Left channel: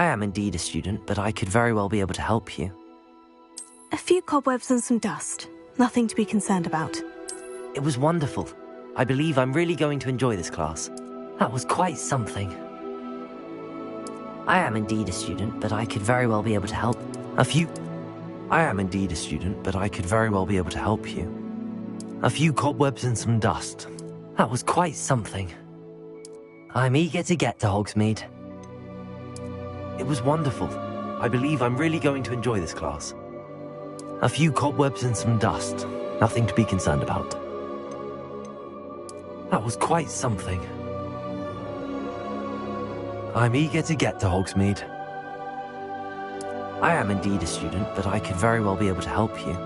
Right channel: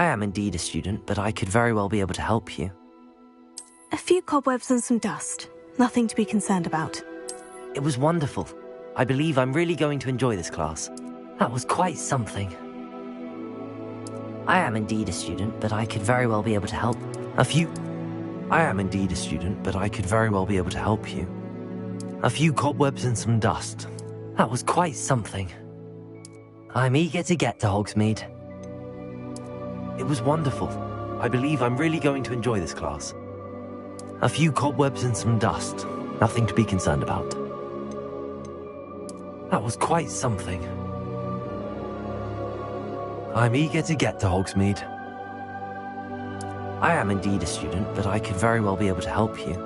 I am indeed a student, but I could very well be able to help you. A few cobwebs and some dust. Nothing to be concerned about. It was wonderful. I believe I'm really going to enjoy this class. That was quite something. I am indeed a student, but I could very well be able to help. I am indeed a student, but I could very well be able to help you. A few cobwebs and some dust. That was quite something. I'm eager to get to Hogsmeade. It was wonderful. I believe I'm really going to enjoy this class. A few cobwebs and some dust. Nothing to be concerned about. That was quite something. I'm eager to get to Hogsmeade. I am indeed a student, but I could very well be able to help you.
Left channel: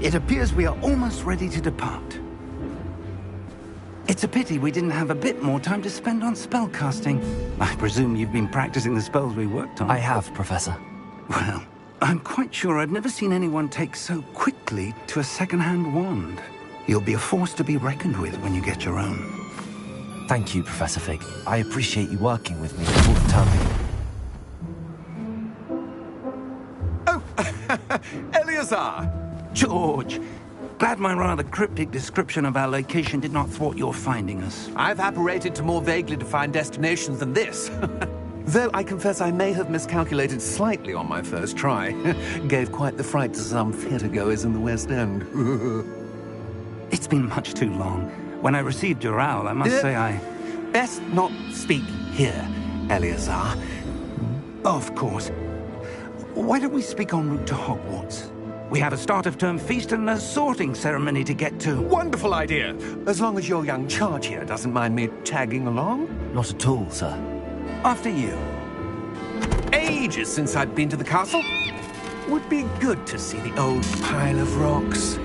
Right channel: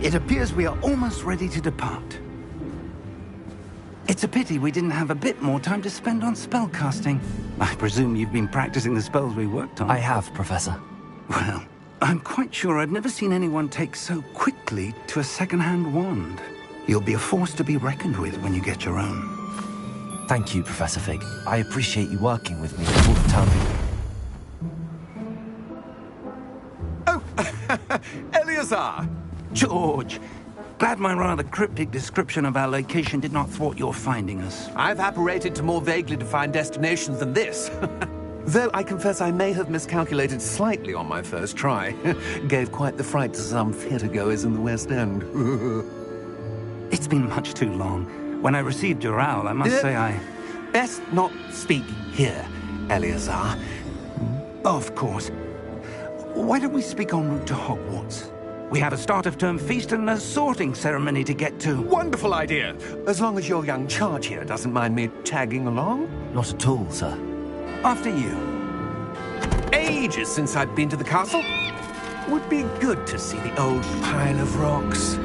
It appears we are almost ready to depart. It's a pity we didn't have a bit more time to spend on spellcasting. I presume you've been practicing the spells we worked on. I have, Professor. Well, I'm quite sure I've never seen anyone take so quickly to a second-hand wand. You'll be a force to be reckoned with when you get your own. Thank you, Professor Fig. I appreciate you working with me all the time. Oh, Eleazar! George! Glad my rather cryptic description of our location did not thwart your finding us. I've apparated to more vaguely defined destinations than this. Though I confess I may have miscalculated slightly on my first try. Gave quite the fright to some theatre-goers in the West End. It's been much too long. When I received your owl, I must say I... Best not speak here, Eleazar. Of course. Why don't we speak en route to Hogwarts? We have a start-of-term feast and a sorting ceremony to get to. Wonderful idea! As long as your young charge here doesn't mind me tagging along. Not at all, sir. After you. Ages since I've been to the castle. would be good to see the old pile of rocks.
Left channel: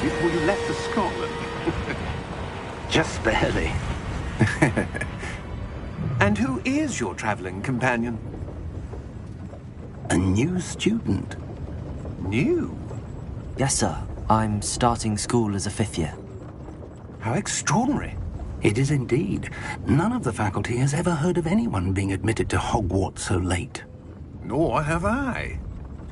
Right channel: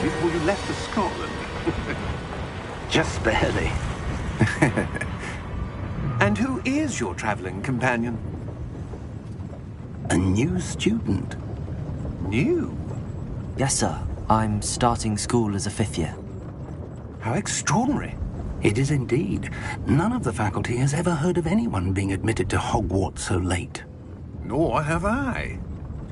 Before you left for Scotland. Just barely. And who is your traveling companion? A new student. New? Yes, sir. I'm starting school as a 5th year. How extraordinary. It is indeed. None of the faculty has ever heard of anyone being admitted to Hogwarts so late. Nor have I.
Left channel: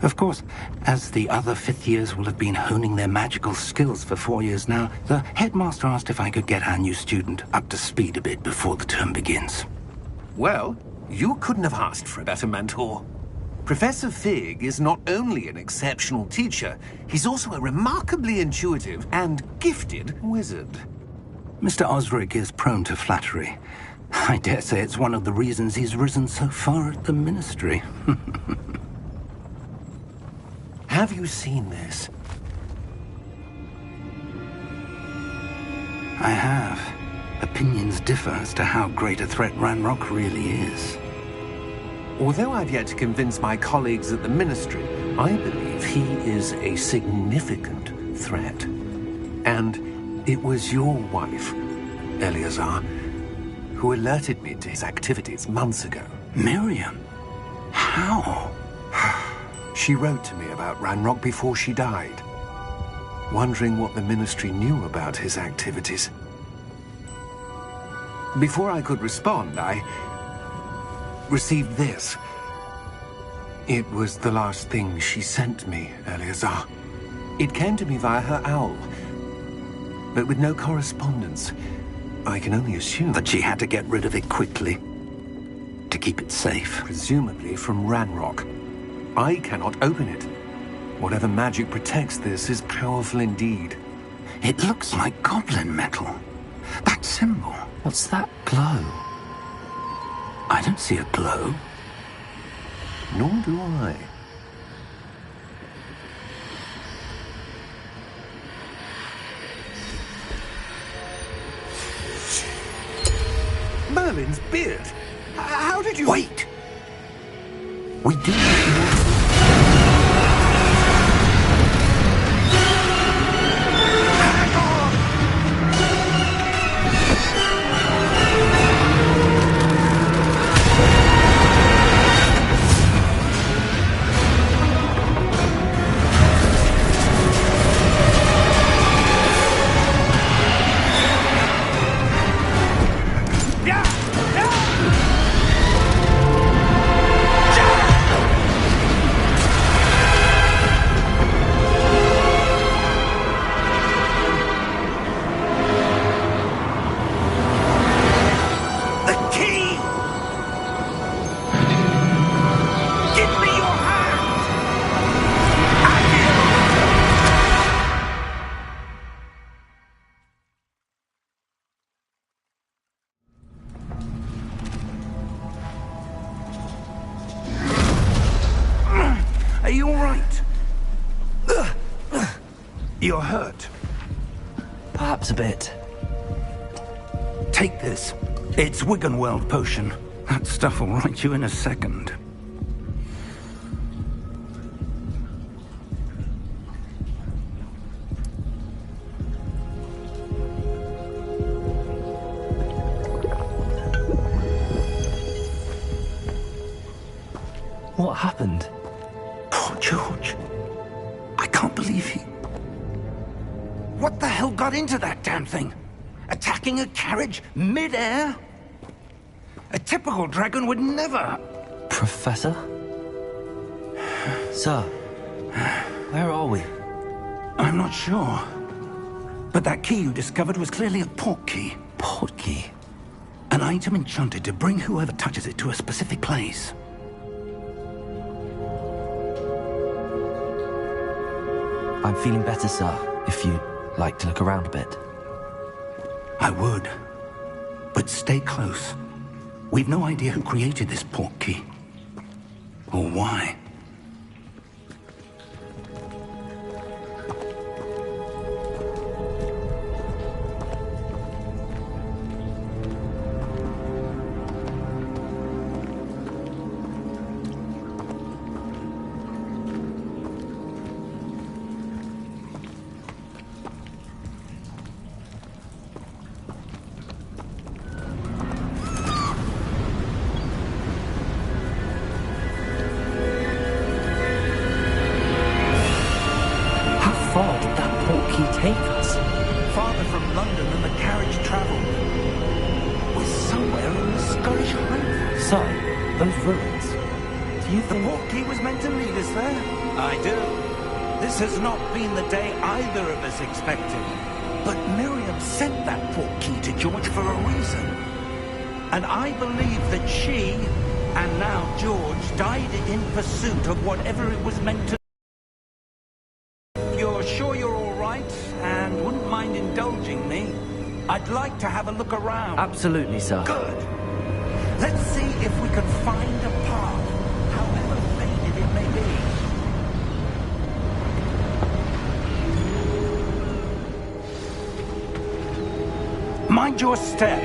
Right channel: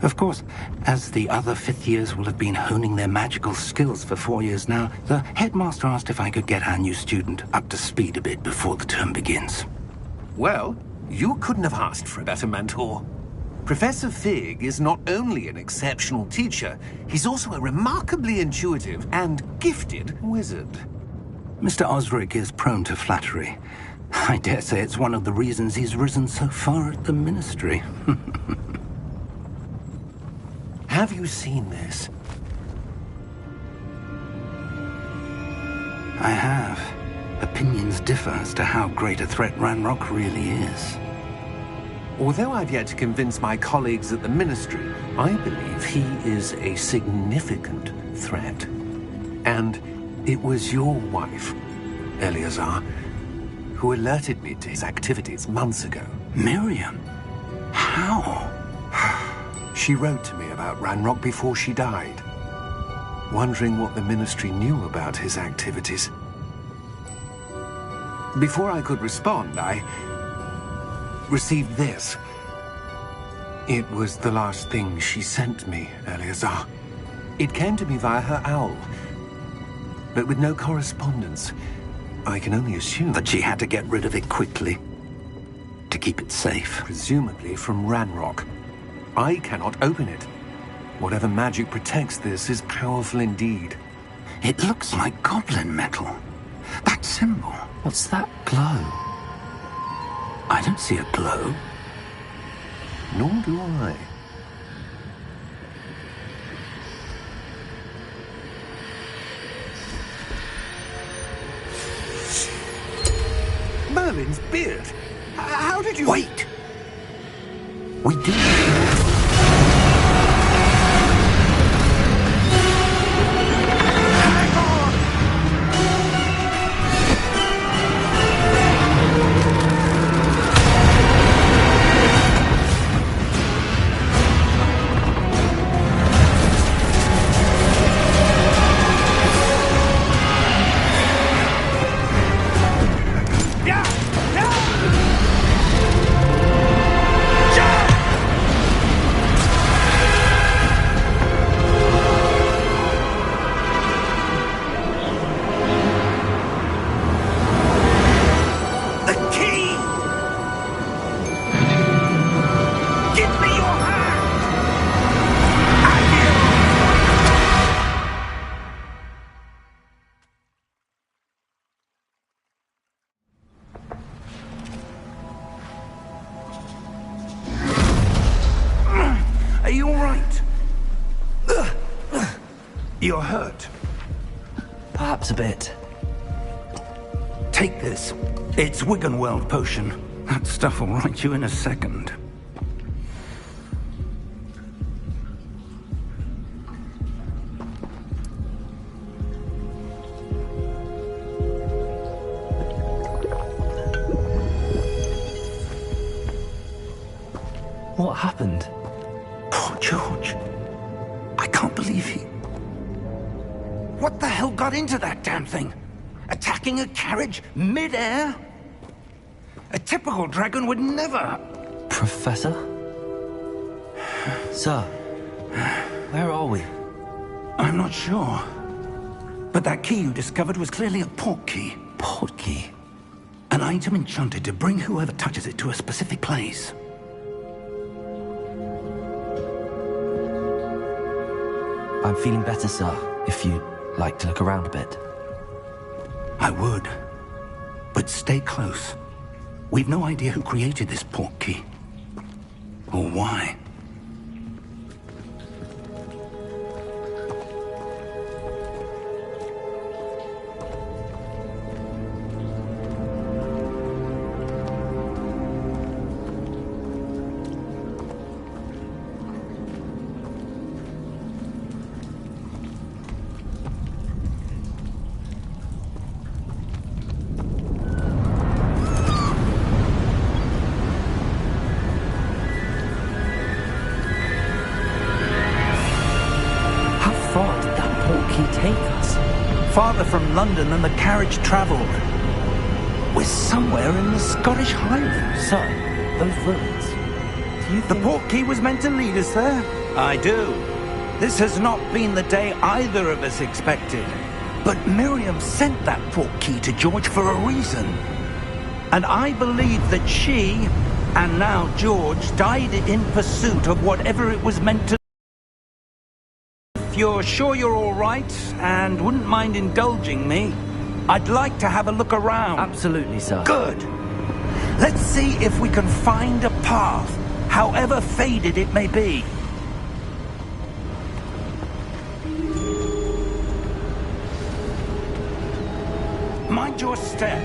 Of course, as the other 5th years will have been honing their magical skills for 4 years now, the headmaster asked if I could get our new student up to speed a bit before the term begins. Well, you couldn't have asked for a better mentor. Professor Fig is not only an exceptional teacher, he's also a remarkably intuitive and gifted wizard. Mr. Osric is prone to flattery. I dare say it's one of the reasons he's risen so far at the Ministry. Have you seen this? I have. Opinions differ as to how great a threat Ranrock really is. Although I've yet to convince my colleagues at the Ministry, I believe he is a significant threat. And it was your wife, Eleazar, who alerted me to his activities months ago. Miriam? How? She wrote to me about Ranrock before she died, wondering what the Ministry knew about his activities. Before I could respond, I received this. It was the last thing she sent me, Eleazar. It came to me via her owl, but with no correspondence. I can only assume That she had to get rid of it quickly, to keep it safe. presumably from Ranrock. I cannot open it. Whatever magic protects this is powerful indeed. It looks like goblin metal. That symbol. What's that glow? I don't see a glow. Nor do I. Merlin's beard. How did you... Wait! We do... Hang on! Are you all right? You're hurt. Perhaps a bit. Take this. It's Wiggenweld potion. That stuff will right you in a second. What happened? Poor George. I can't believe he... What the hell got into that damn thing? Attacking a carriage mid-air? A typical dragon would never... Professor? Sir, where are we? I'm not sure. But that key you discovered was clearly a port key. Port key? An item enchanted to bring whoever touches it to a specific place. I'm feeling better, sir, if you'd like to look around a bit. I would. But stay close. We've no idea who created this port key. Or why. Take us? Farther from London than the carriage travelled. We're somewhere in the Scottish Highlands. Sir, those ruins. Do you think... The port key was meant to lead us there? I do. This has not been the day either of us expected. But Miriam sent that port key to George for a reason. And I believe that she, and now George, died in pursuit of whatever it was meant to. If you're sure you're all right, and wouldn't mind indulging me, I'd like to have a look around. Absolutely, sir. Good. Let's see if we can find a path, however faded it may be. Mind your step.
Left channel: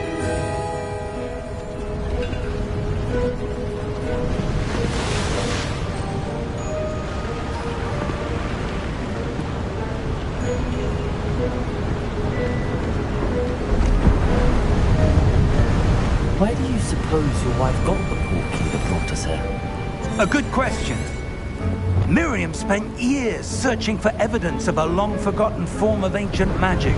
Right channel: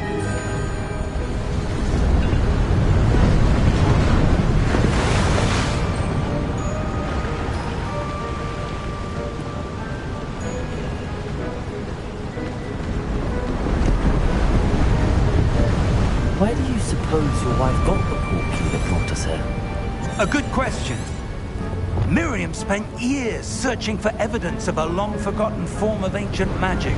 Where do you suppose your wife got the port key that brought us here? A good question. Miriam spent years searching for evidence of a long-forgotten form of ancient magic.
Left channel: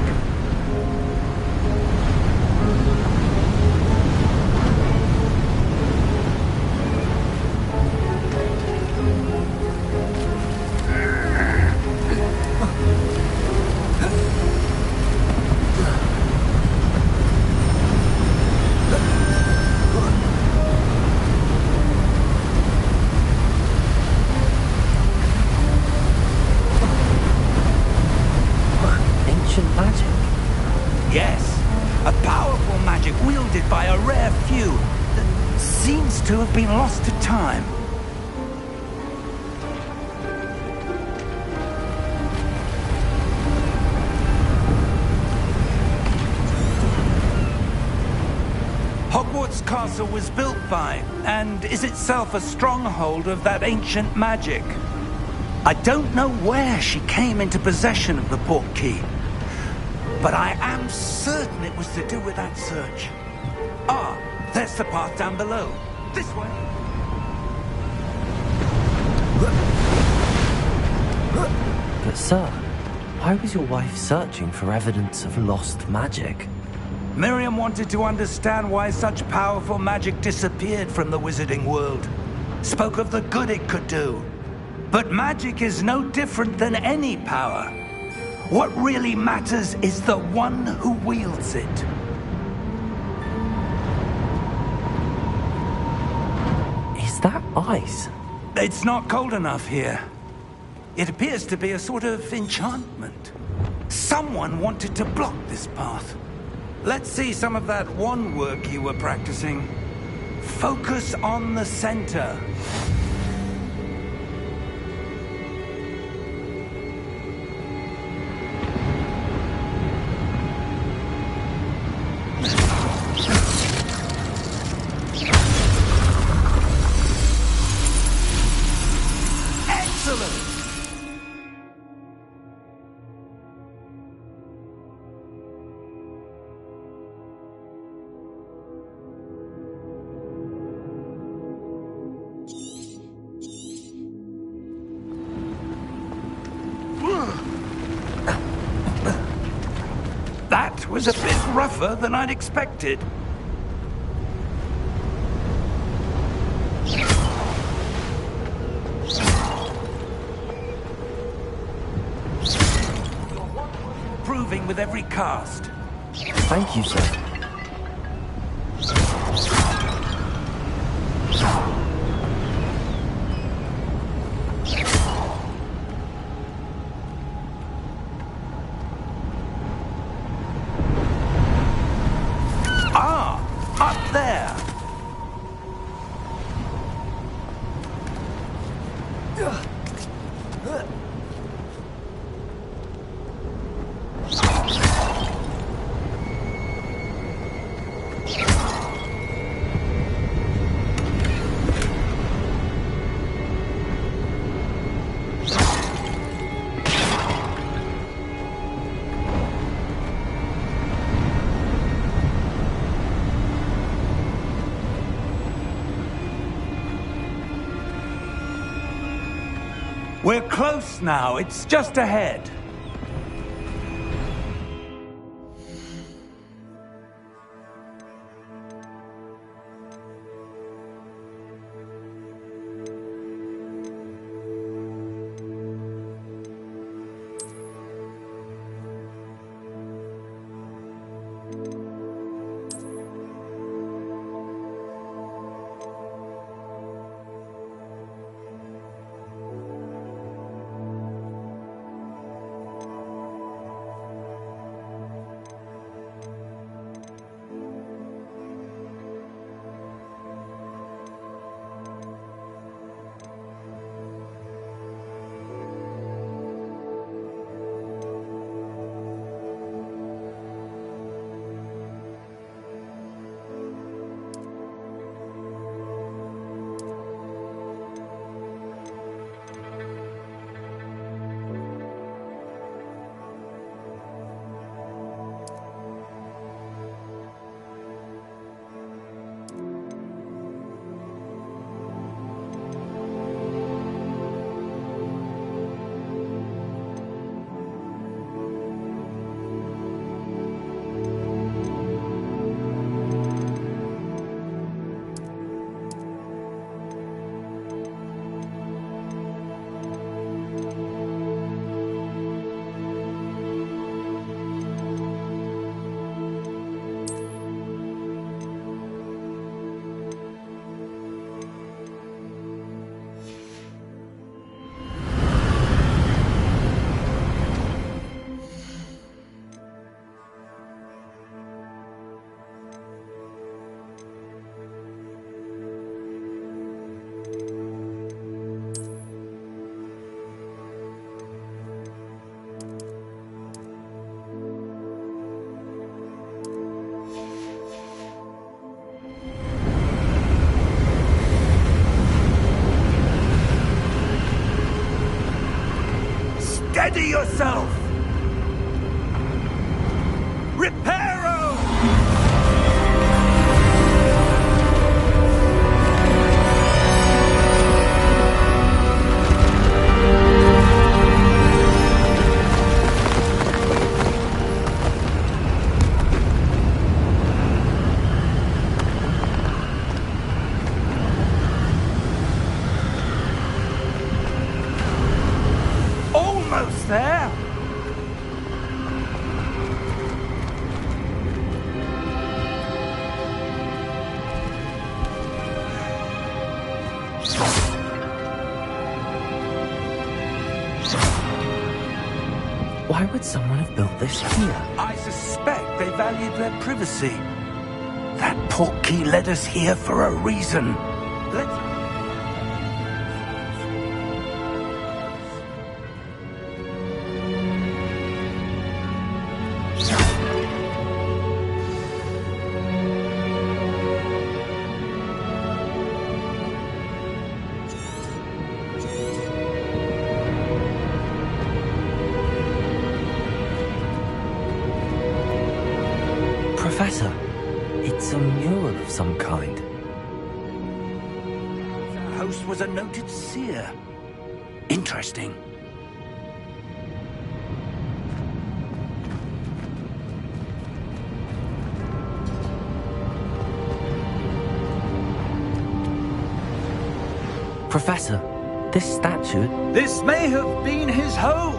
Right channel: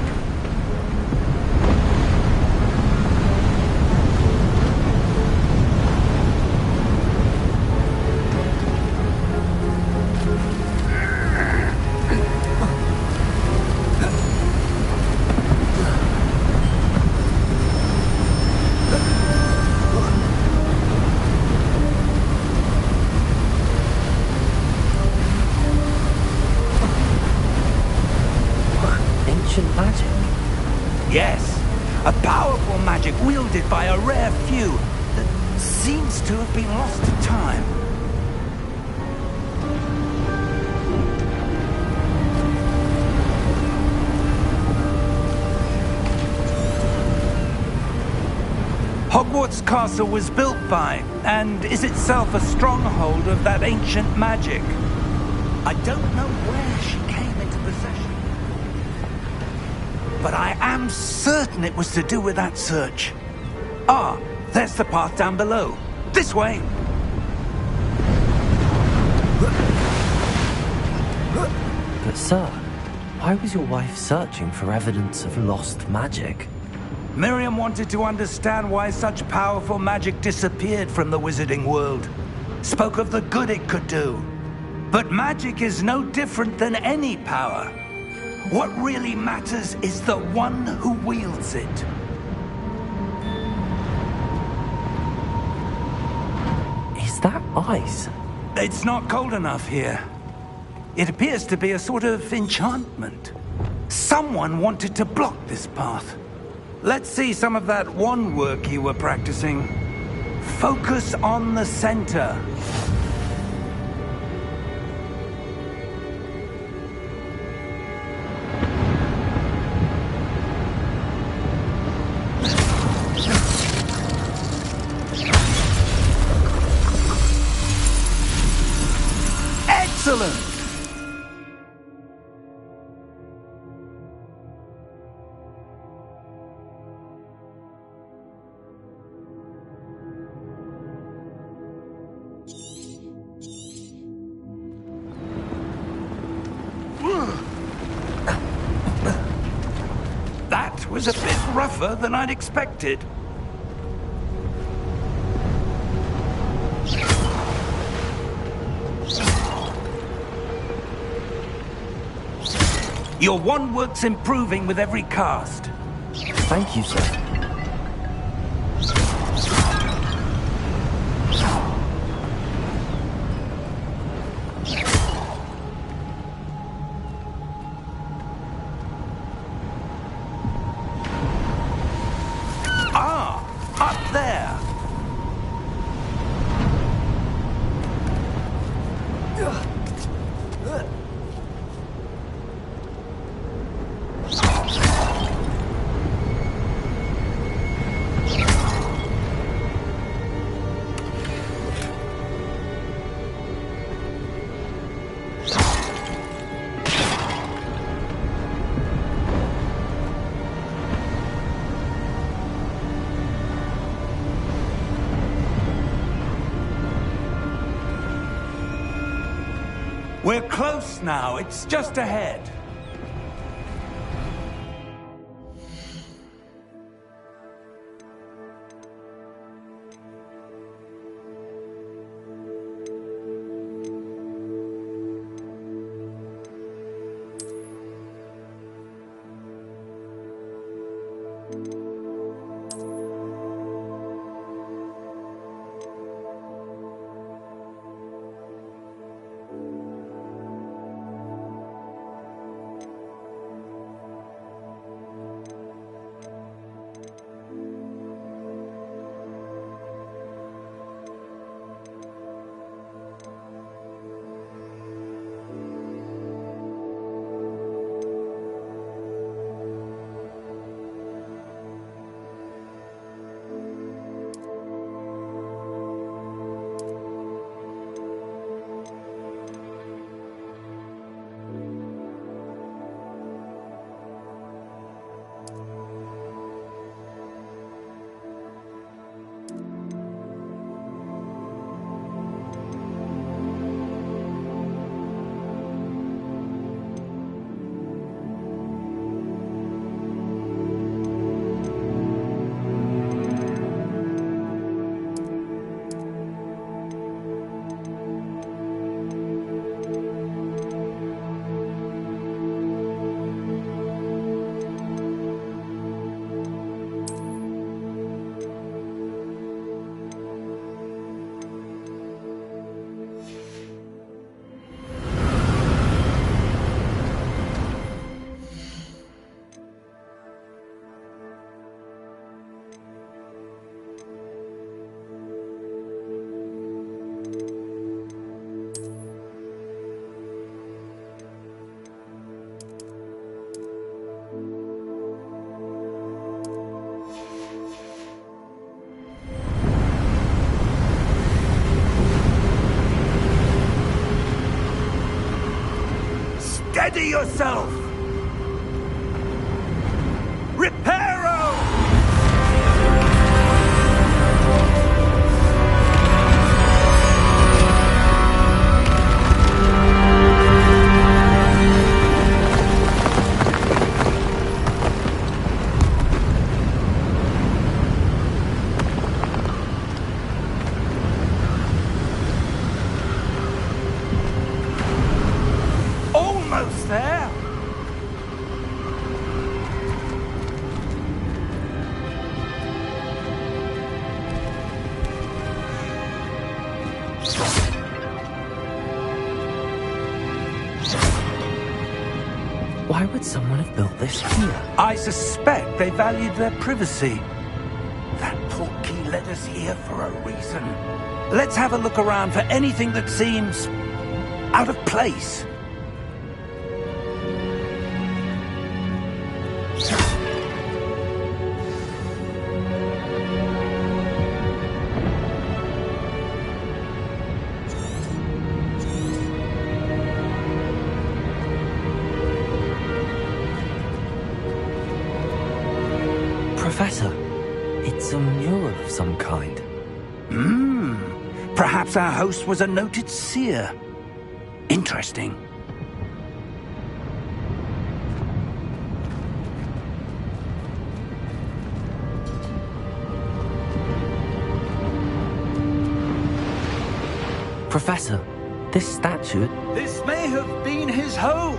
Yes, a powerful magic wielded by a rare few that seems to have been lost to time. Hogwarts Castle was built by, and is itself a stronghold of that ancient magic. I don't know where she came into possession of the port key, but I am certain it was to do with that search. Ah, there's the path down below. This way. But sir, why was your wife searching for evidence of lost magic? Miriam wanted to understand why such powerful magic disappeared from the wizarding world. Spoke of the good it could do. But magic is no different than any power. What really matters is the one who wields it. Is that ice? It's not cold enough here. It appears to be a sort of enchantment. Someone wanted to block this path. Let's see some of that wand work you were practicing. Focus on the center. Excellent! was a bit rougher than I'd expected. Your wand work's improving with every cast. Thank you, sir. Ah, up there. We're close now. It's just ahead. Steady yourself! Reparo! Almost there! Why would someone have built this here? I suspect they valued their privacy. That portkey led us here for a reason. Let's have a look around for anything that seems out of place. Professor, it's a mural of some kind. Perhaps our host was a noted seer. Interesting. Professor, this statue... This may have been his home!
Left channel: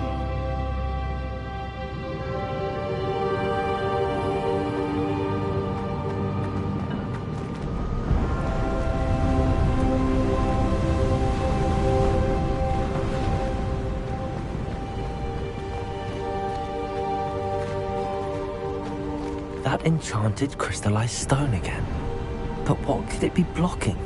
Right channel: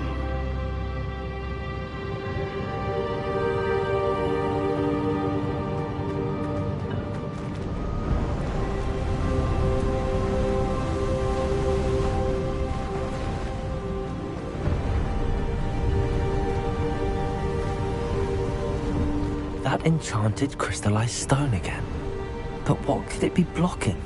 That enchanted crystallized stone again. But what could it be blocking?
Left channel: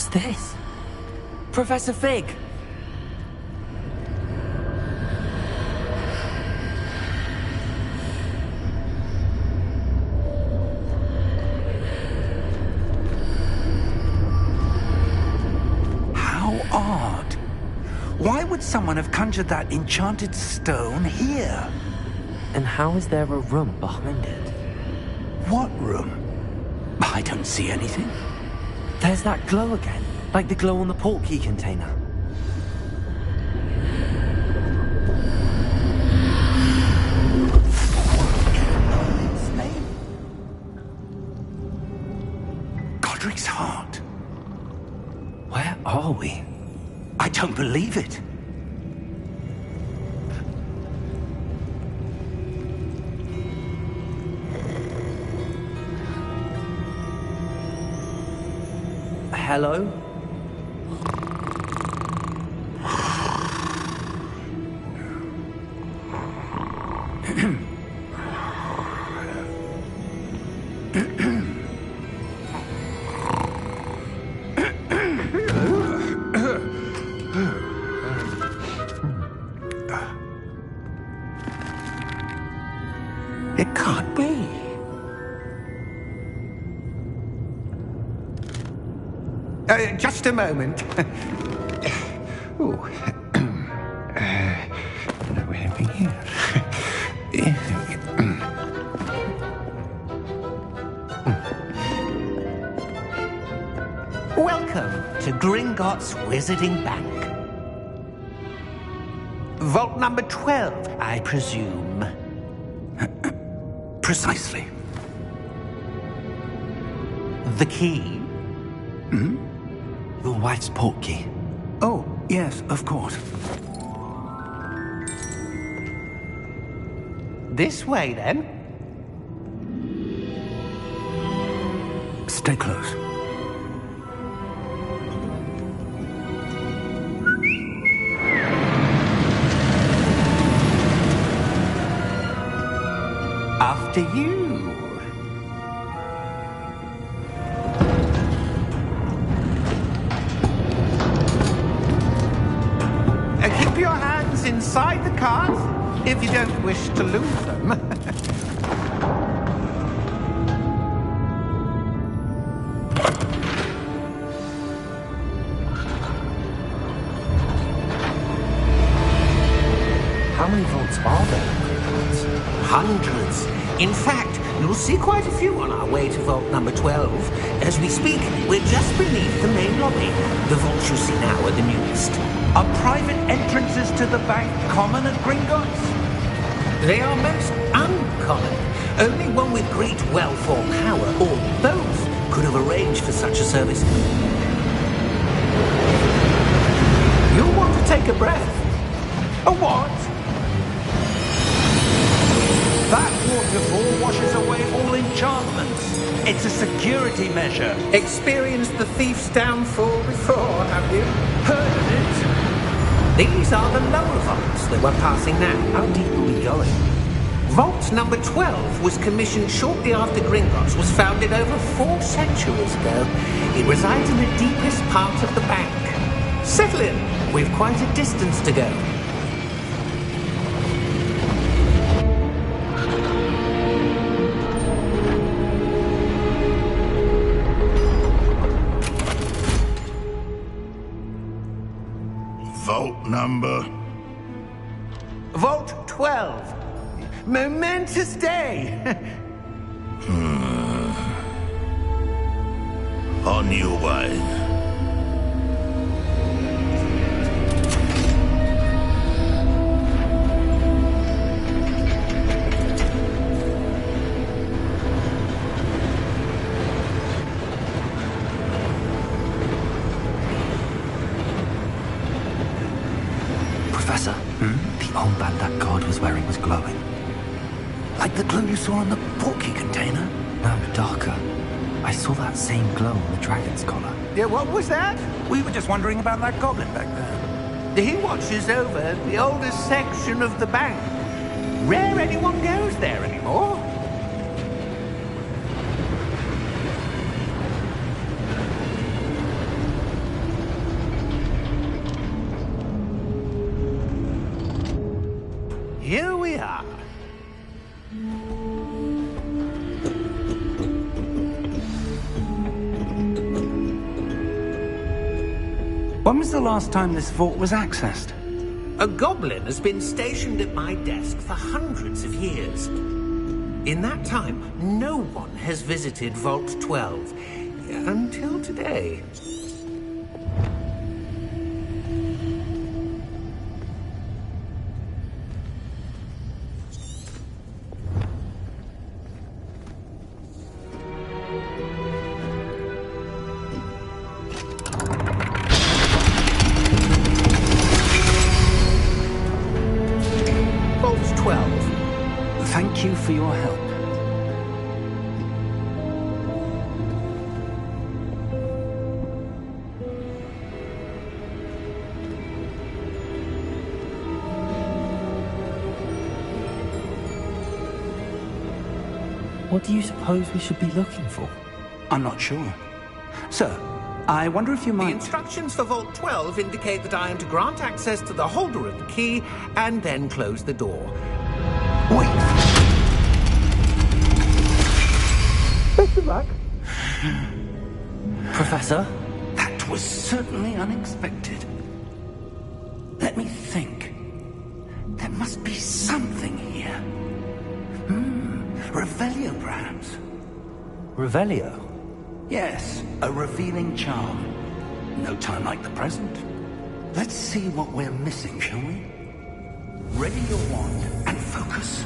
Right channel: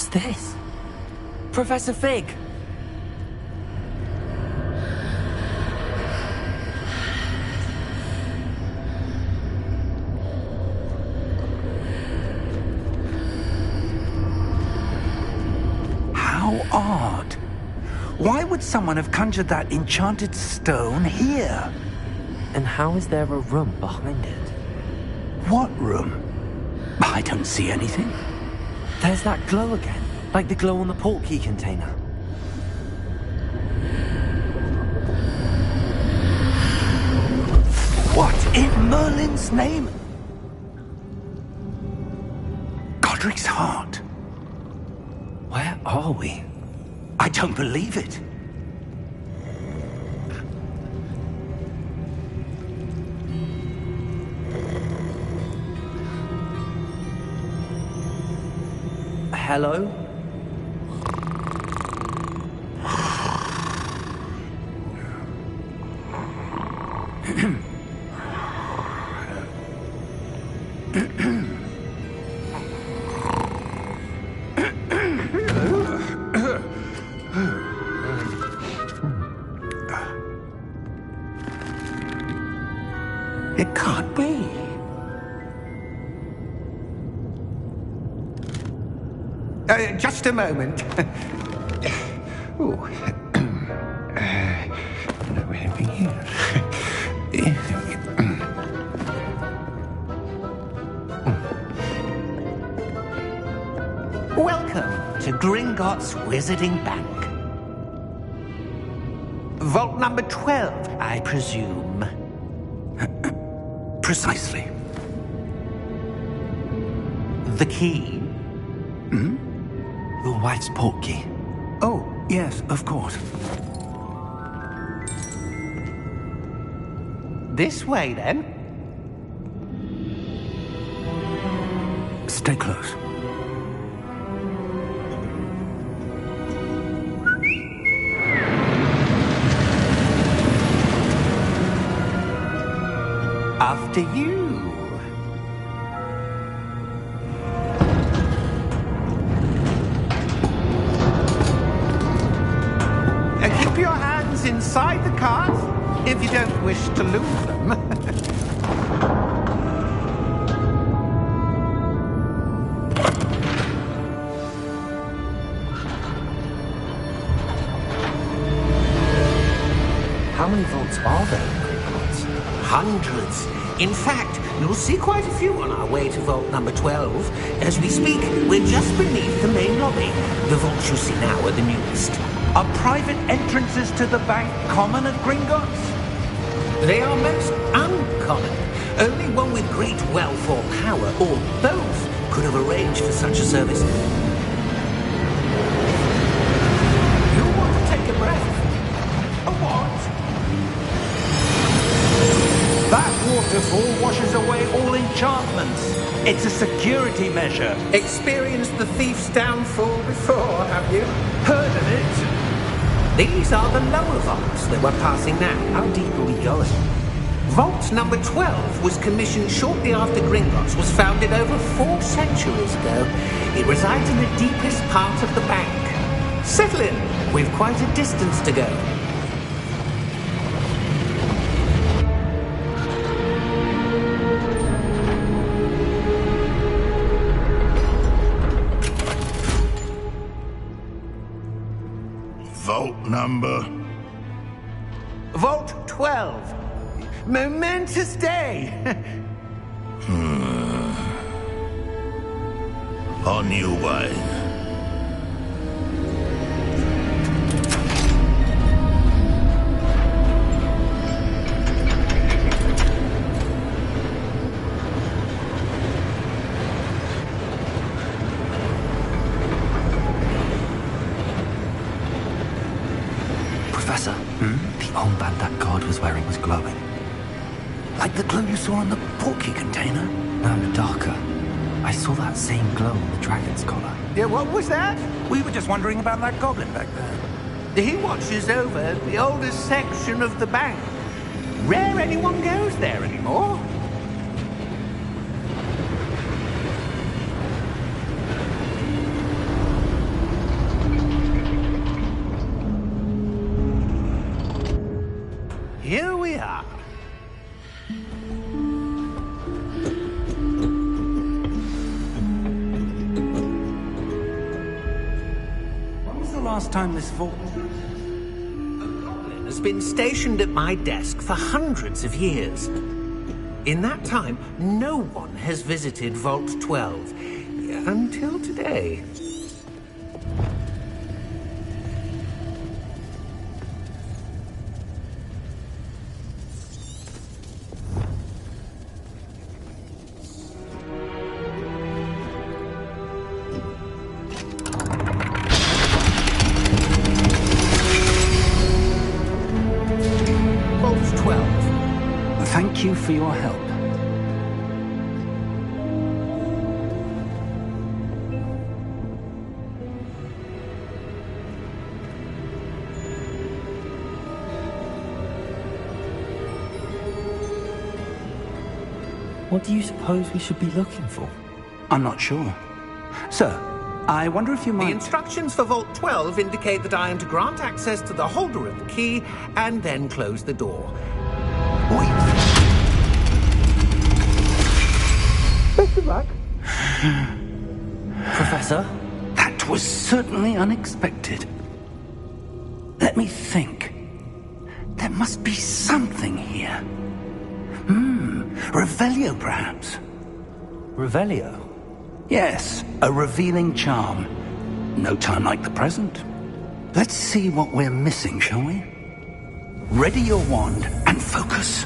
What's this? Professor Fig! How odd. Why would someone have conjured that enchanted stone here? And how is there a room behind it? What room? I don't see anything. There's that glow again, like the glow on the portkey container. What in Merlin's name? Godric's heart. Where are we? I don't believe it. Hello? It can't be. Just a moment. Oh. Anything here? Welcome to Gringotts Wizarding Bank. Vault number 12, I presume. Precisely. The key? Your wife's portkey. Oh, yes, of course. This way, then. Stay close. After you. Keep your hands inside the cart if you don't wish to lose them. How many vaults are there in Gringotts? Hundreds. In fact, you'll see quite a few on our way to vault number 12. As we speak, we're just beneath the main lobby. The vaults you see now are the newest. Are private entrances to the bank common at Gringotts? They are most uncommon. Only one with great wealth or power, or both, could have arranged for such a service. You'll want to take a breath. A what? That waterfall washes away all enchantments. It's a security measure. Experienced the thief's downfall before, have you? Heard of it? These are the lower vaults that we're passing now. How deep are we going? Vault number 12 was commissioned shortly after Gringotts was founded over 4 centuries ago. It resides in the deepest part of the bank. Settle in. We've quite a distance to go. Vault number? Vault 12. Momentous day. On new wine. Professor, the armband that guard was wearing was glowing. Like the glow you saw on the portkey container? No, darker. I saw that same glow on the dragon's collar. Yeah, what was that? We were just wondering about that goblin back there. He watches over the oldest section of the bank. Rare anyone goes there anymore. Here we are. When was the last time this vault was accessed? A goblin has been stationed at my desk for hundreds of years. In that time, no one has visited Vault 12. until today. Vault 12. Thank you for your help. What do you suppose we should be looking for? I'm not sure. Sir, I wonder if you The might... instructions for Vault 12 indicate that I am to grant access to the holder of the key and then close the door. Wait! Best of luck. Professor? That was certainly unexpected. Let me think. There must be something here. Revelio, perhaps? Revelio? Yes, a revealing charm. No time like the present. Let's see what we're missing, shall we? Ready your wand and focus.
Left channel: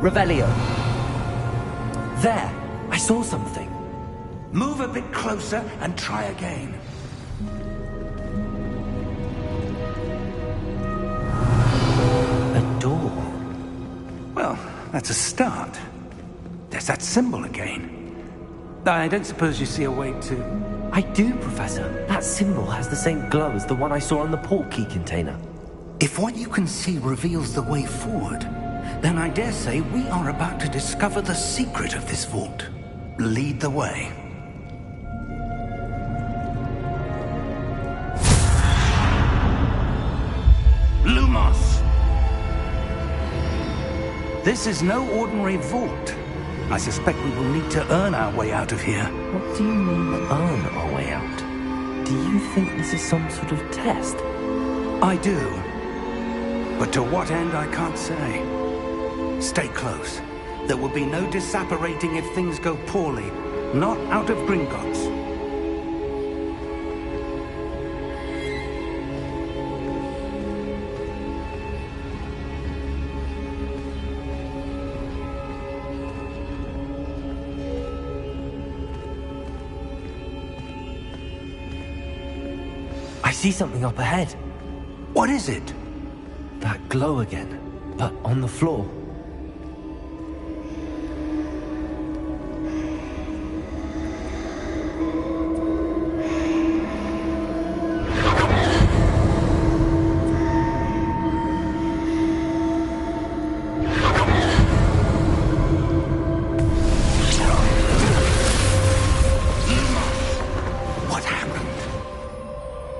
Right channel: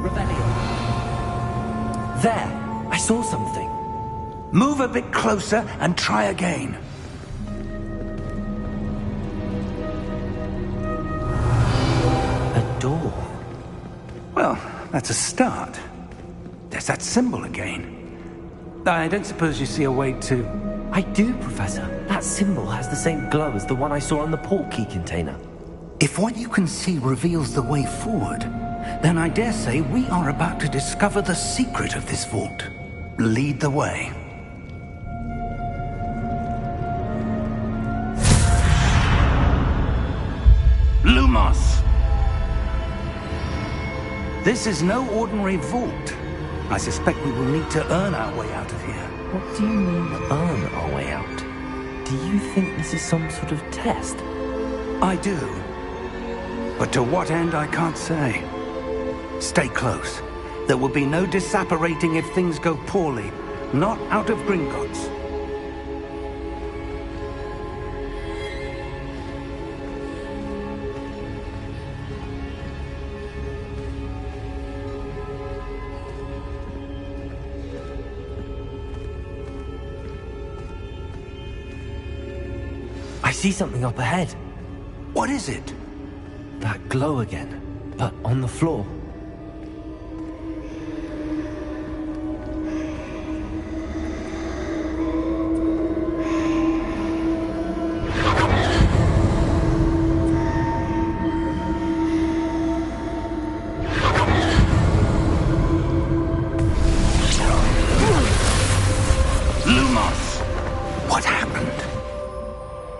Revelio. There! I saw something. Move a bit closer and try again. A door. Well, that's a start. There's that symbol again. I don't suppose you see a way to... I do, Professor. That symbol has the same glow as the one I saw on the port key container. If what you can see reveals the way forward, then I dare say we are about to discover the secret of this vault. Lead the way. Lumos! This is no ordinary vault. I suspect we will need to earn our way out of here. What do you mean, earn our way out? Do you think this is some sort of test? I do. But to what end, I can't say. Stay close. There will be no disapparating if things go poorly. Not out of Gringotts. I see something up ahead. What is it? That glow again, but on the floor.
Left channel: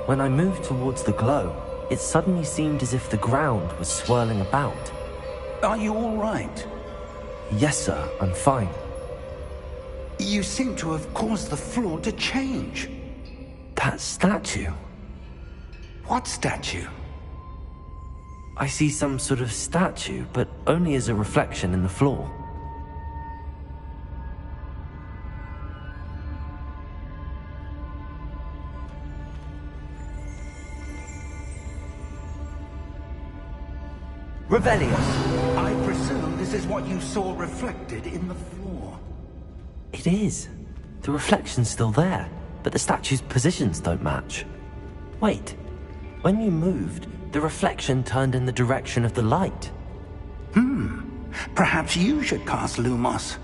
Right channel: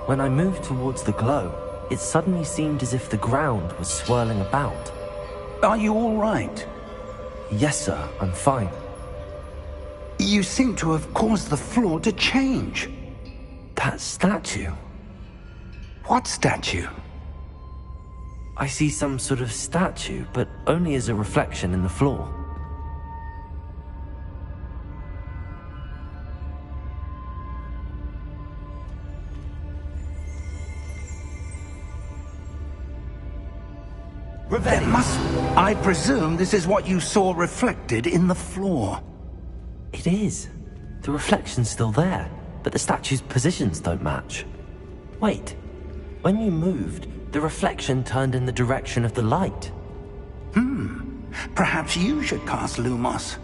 When I moved towards the glow, it suddenly seemed as if the ground was swirling about. Are you all right? Yes, sir, I'm fine. You seem to have caused the floor to change. That statue? What statue? I see some sort of statue, but only as a reflection in the floor. Revelio. I presume this is what you saw reflected in the floor. It is. The reflection's still there, but the statue's positions don't match. Wait. When you moved, the reflection turned in the direction of the light. Perhaps you should cast Lumos.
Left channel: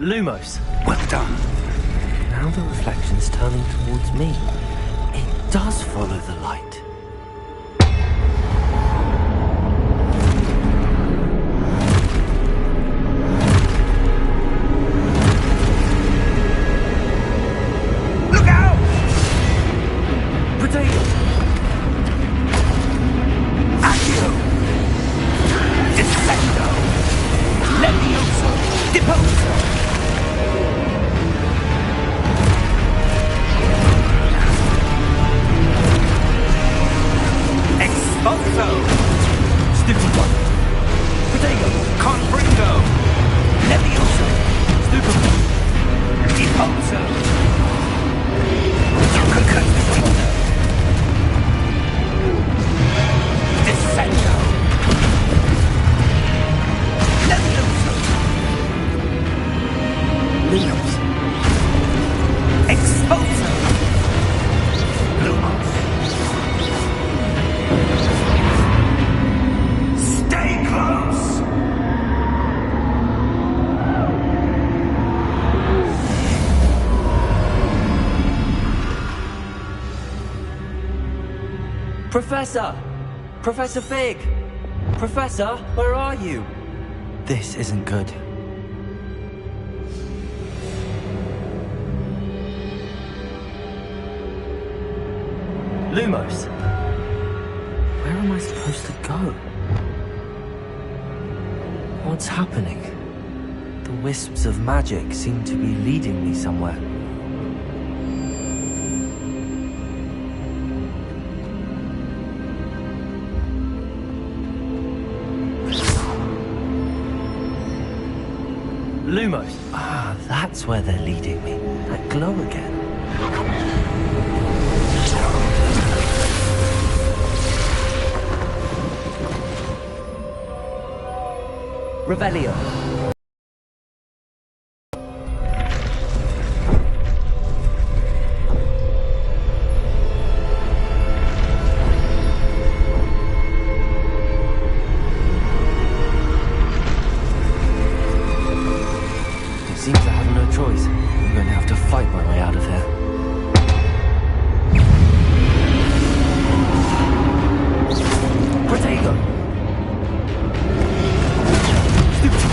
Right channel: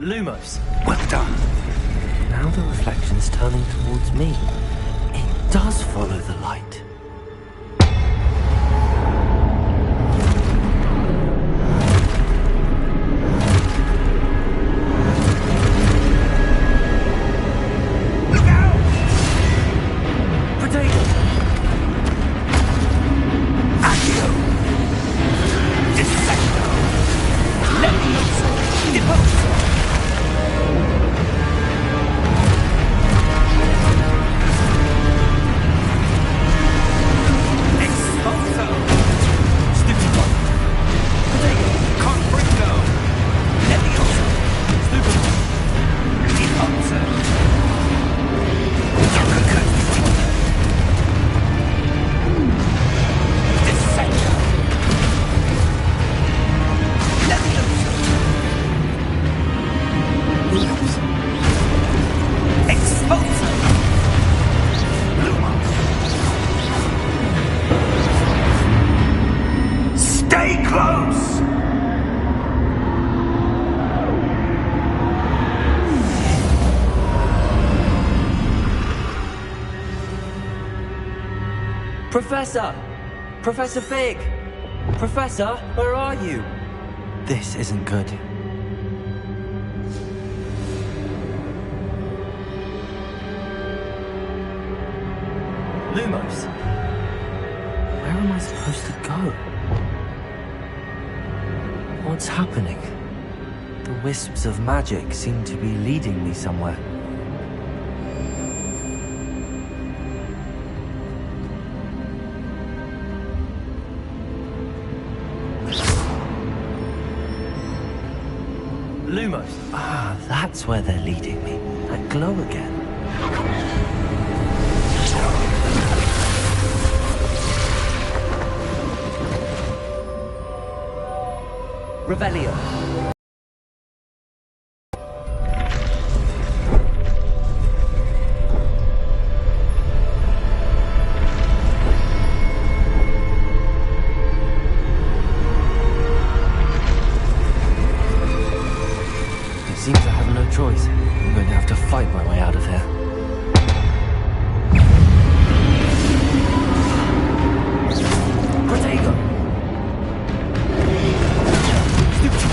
Lumos. Well done. Now the reflection's turning towards me. It does follow the light. Look out! Potato! Accio! Descendo! Levioso! Deposo! Expulso! Stupefy! Potato! Confringo! Levioso! Stupefy! Deposo! Descendo! Levioso! Lumos! Expulso! Lumos! Stay close! Professor! Professor Fig! Professor, where are you? This isn't good. Lumos! Where am I supposed to go? What's happening? The wisps of magic seem to be leading me somewhere. Lumos! Ah, that's where they're leading me. That glow again. Revelio. It seems I have no choice. I'm going to have to fight my way out of here. Protego! Stupefy!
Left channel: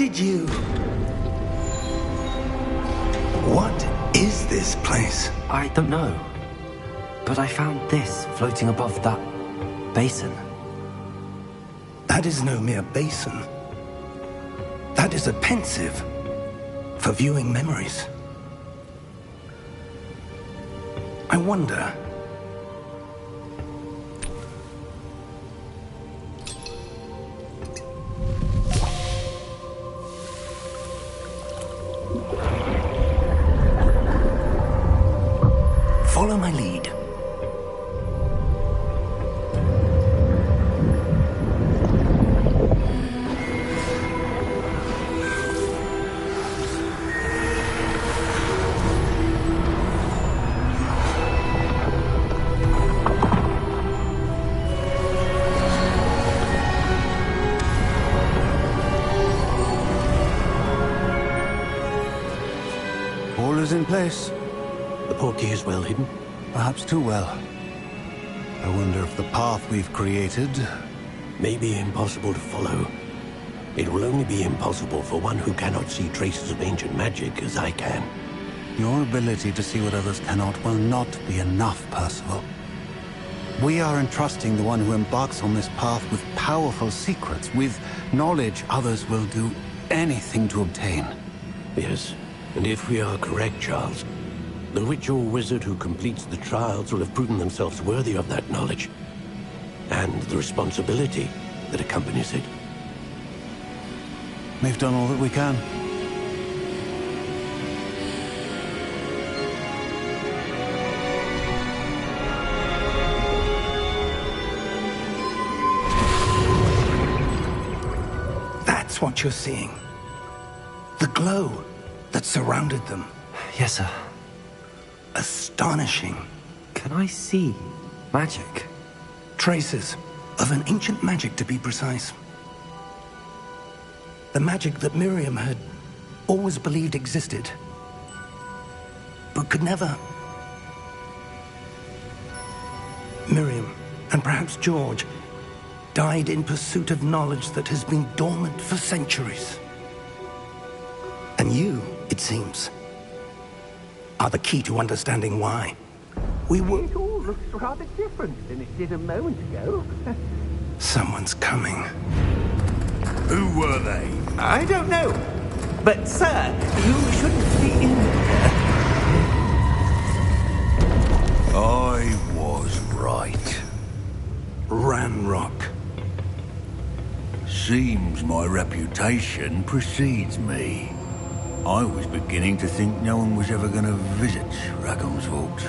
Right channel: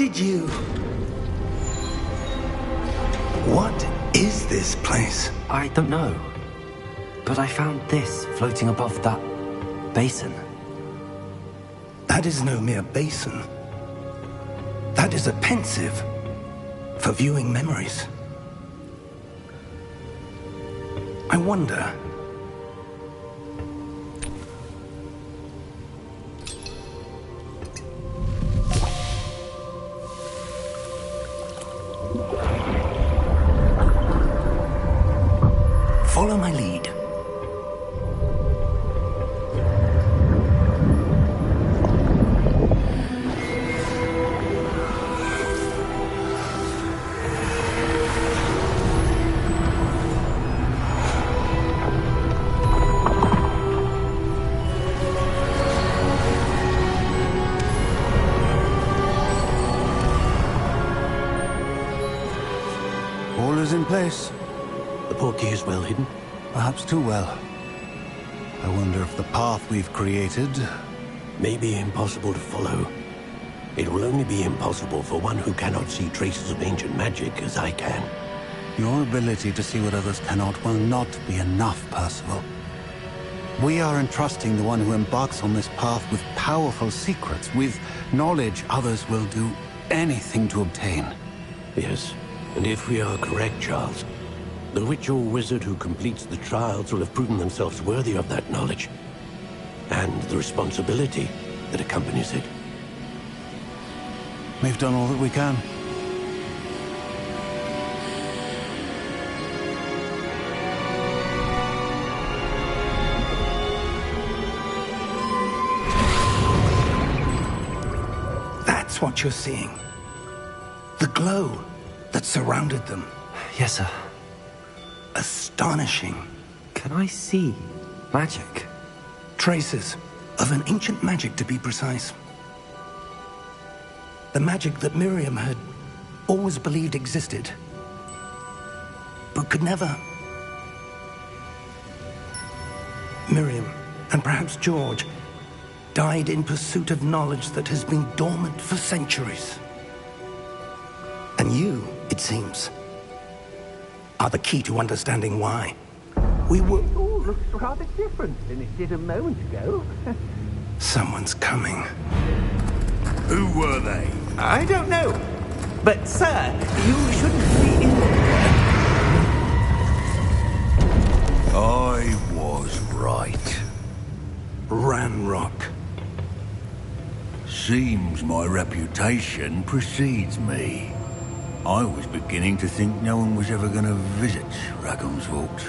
did you... What is this place? I don't know. But I found this floating above that basin. That is no mere basin. That is a pensive for viewing memories. I wonder... Follow my lead. All is in place. The portkey is well hidden? Perhaps too well. I wonder if the path we've created... May be impossible to follow. It will only be impossible for one who cannot see traces of ancient magic as I can. Your ability to see what others cannot will not be enough, Percival. We are entrusting the one who embarks on this path with powerful secrets, with knowledge others will do anything to obtain. Yes, and if we are correct, Charles, the witch or wizard who completes the trials will have proven themselves worthy of that knowledge, and the responsibility that accompanies it. We've done all that we can. That's what you're seeing. The glow that surrounded them. Yes, sir. Astonishing. Can I see magic? Traces of an ancient magic, to be precise. The magic that Miriam had always believed existed, but could never. Miriam, and perhaps George, died in pursuit of knowledge that has been dormant for centuries. And you, it seems, are the key to understanding why. We were... It all looks rather different than it did a moment ago. Someone's coming. Who were they? I don't know. But, sir, you shouldn't be in here. I was right. Ranrock. Seems my reputation precedes me. I was beginning to think no one was ever going to visit Rackham's Vault.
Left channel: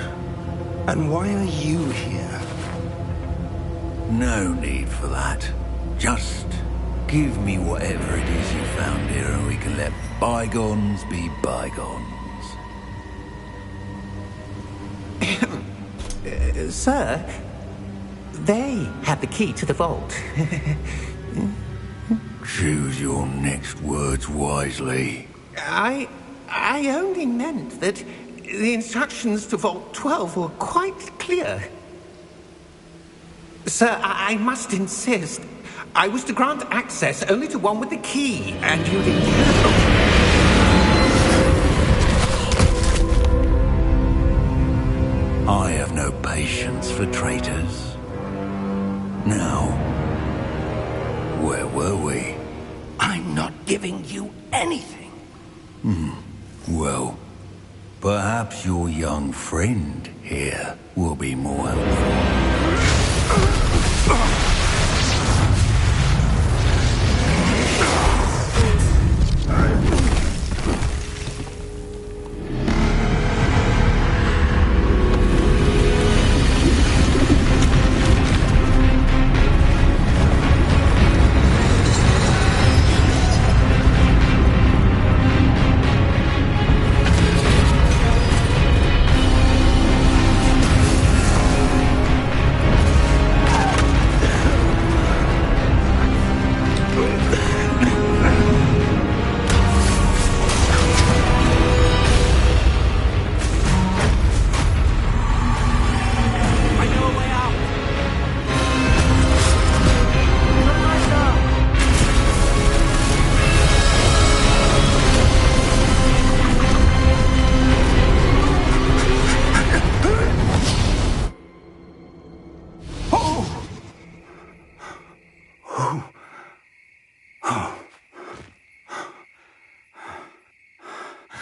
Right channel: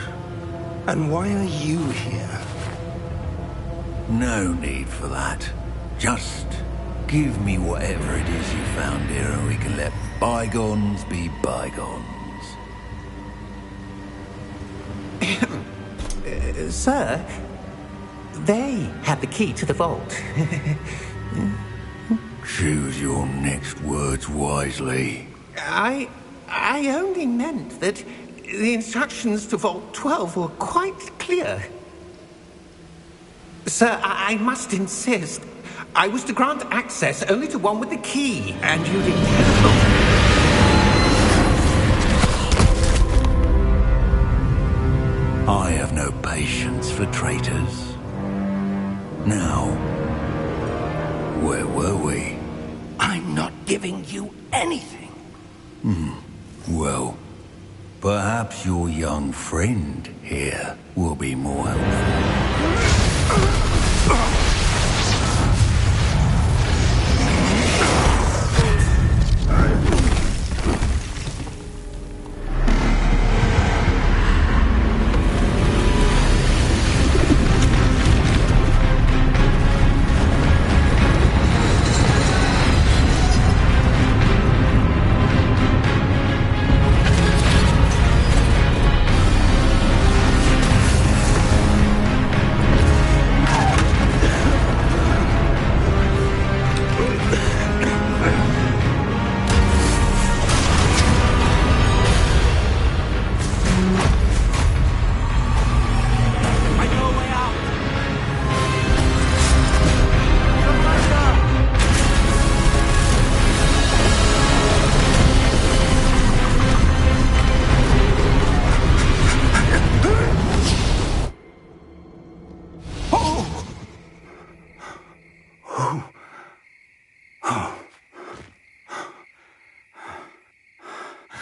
And why are you here? No need for that. Just give me whatever it is you found here and we can let bygones be bygones. Sir, they had the key to the vault. Choose your next words wisely. I only meant that the instructions to Vault 12 were quite clear. Sir, I must insist. I was to grant access only to one with the key, and you didn't have... I have no patience for traitors. Now, where were we? I'm not giving you anything. Well, perhaps your young friend here will be more helpful.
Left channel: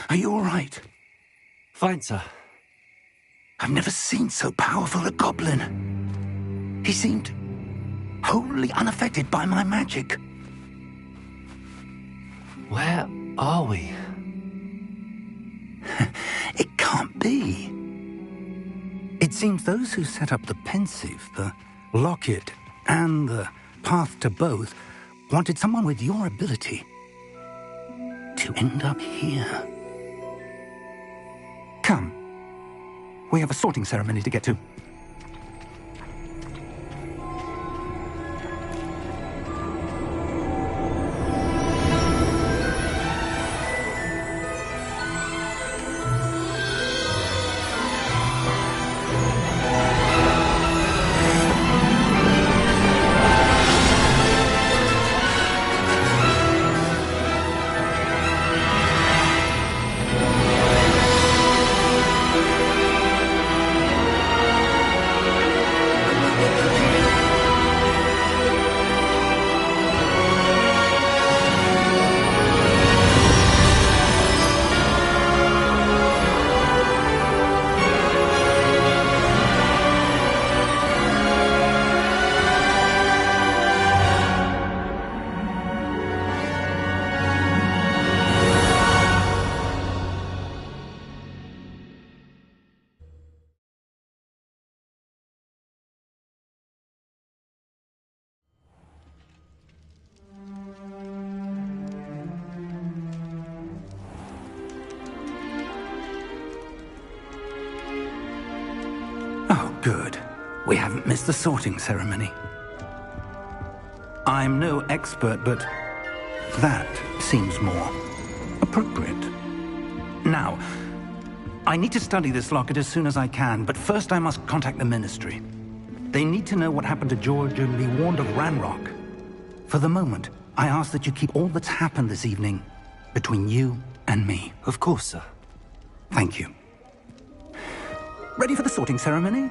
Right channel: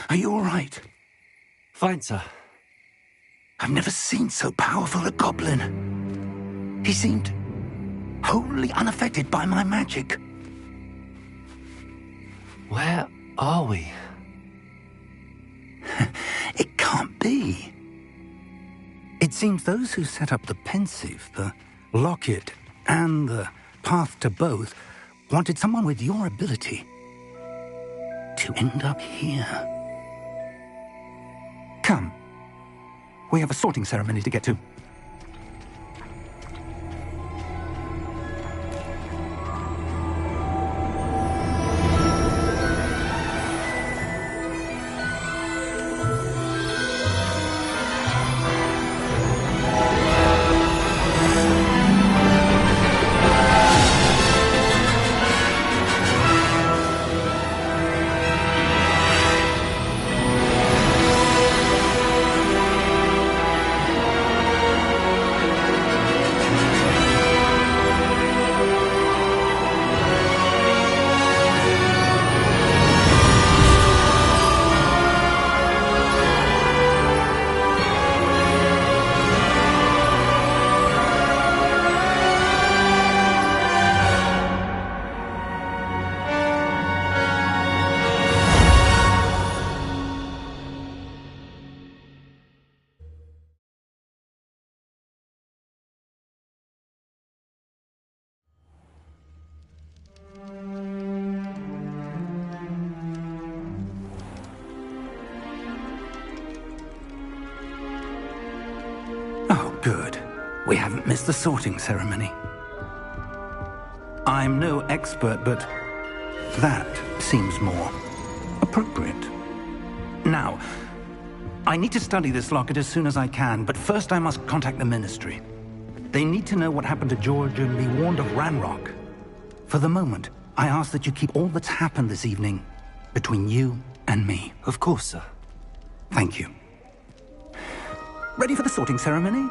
Are you all right? Fine, sir. I've never seen so powerful a goblin. He seemed wholly unaffected by my magic. Where are we? It can't be. It seems those who set up the Pensieve, the Locket, and the Path to Both wanted someone with your ability to end up here. Come. We have a sorting ceremony to get to. Oh, good. We haven't missed the sorting ceremony. I'm no expert, but that seems more appropriate. Now, I need to study this locket as soon as I can, but first I must contact the Ministry. They need to know what happened to George and be warned of Ranrock. For the moment, I ask that you keep all that's happened this evening between you and me. Of course, sir. Thank you. Ready for the sorting ceremony?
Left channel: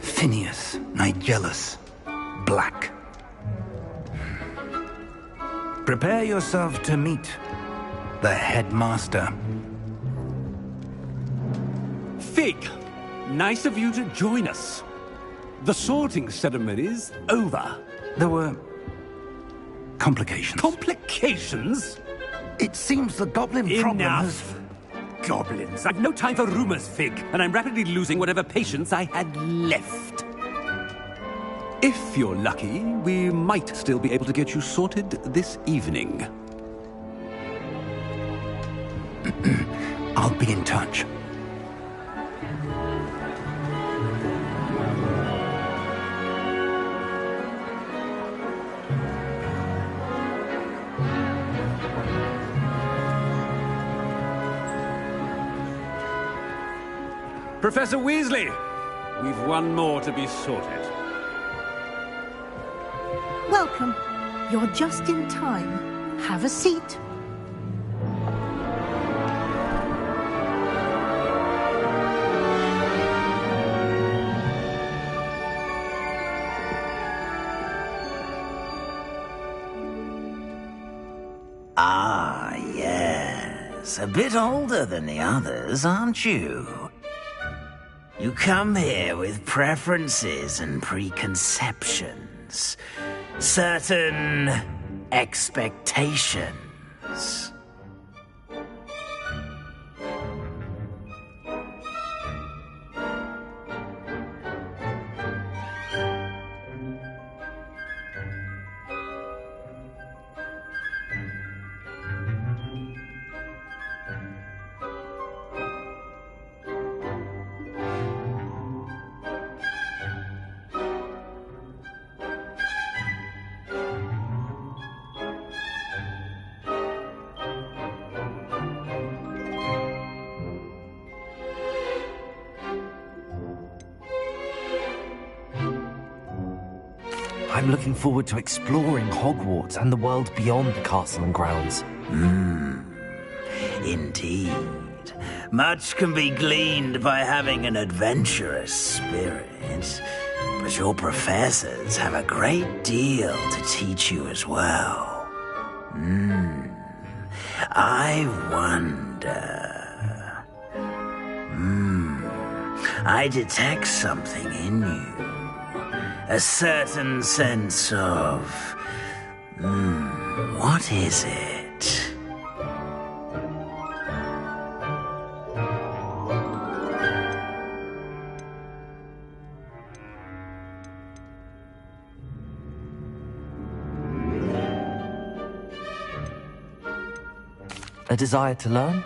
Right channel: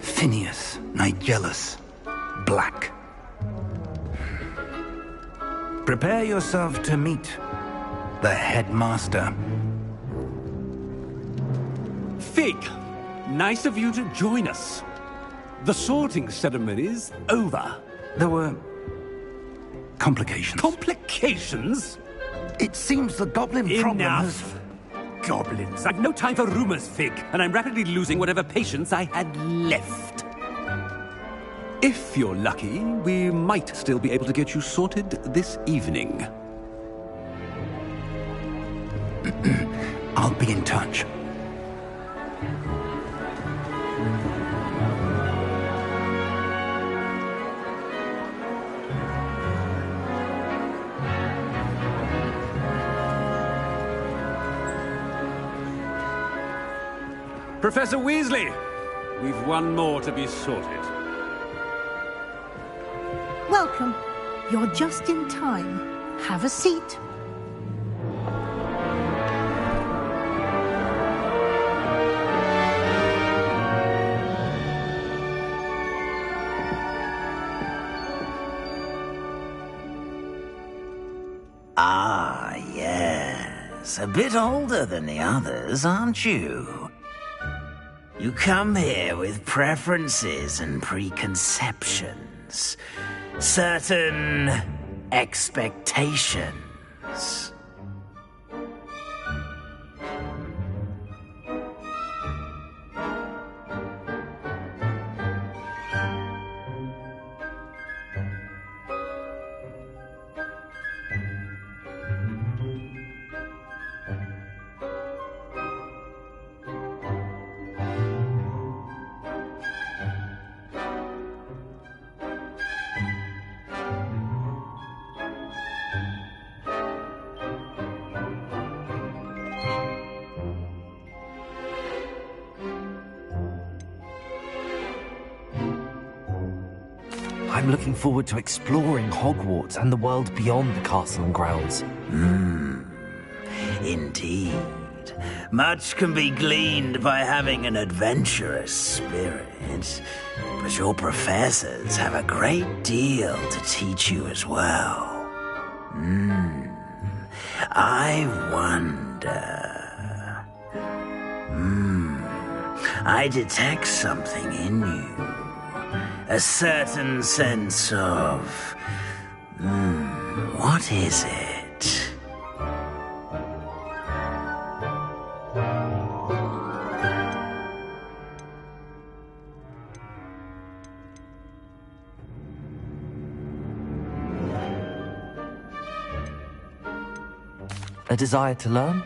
Phineas Nigellus Black. Prepare yourself to meet the headmaster. Fig, nice of you to join us. The sorting ceremony's over. There were complications. Complications? It seems the goblin problem has... Enough! Goblins. I've no time for rumors, Fig, and I'm rapidly losing whatever patience I had left. If you're lucky, we might still be able to get you sorted this evening. I'll be in touch. Professor Weasley, we've one more to be sorted. Welcome. You're just in time. Have a seat. Ah, yes. A bit older than the others, aren't you? You come here with preferences and preconceptions. Certain expectations. I'm looking forward to exploring Hogwarts and the world beyond the castle and grounds. Indeed. Much can be gleaned by having an adventurous spirit, but your professors have a great deal to teach you as well. I wonder... I detect something in you. A certain sense of... what is it? A desire to learn?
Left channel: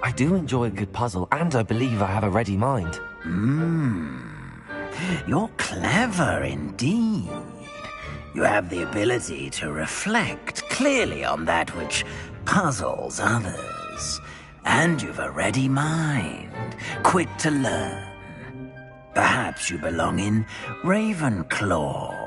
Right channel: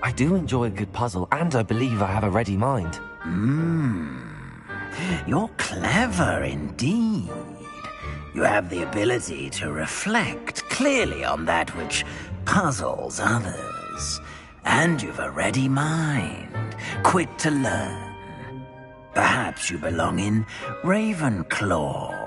I do enjoy a good puzzle, and I believe I have a ready mind. You're clever indeed. You have the ability to reflect clearly on that which puzzles others. And you've a ready mind, quick to learn. Perhaps you belong in Ravenclaw.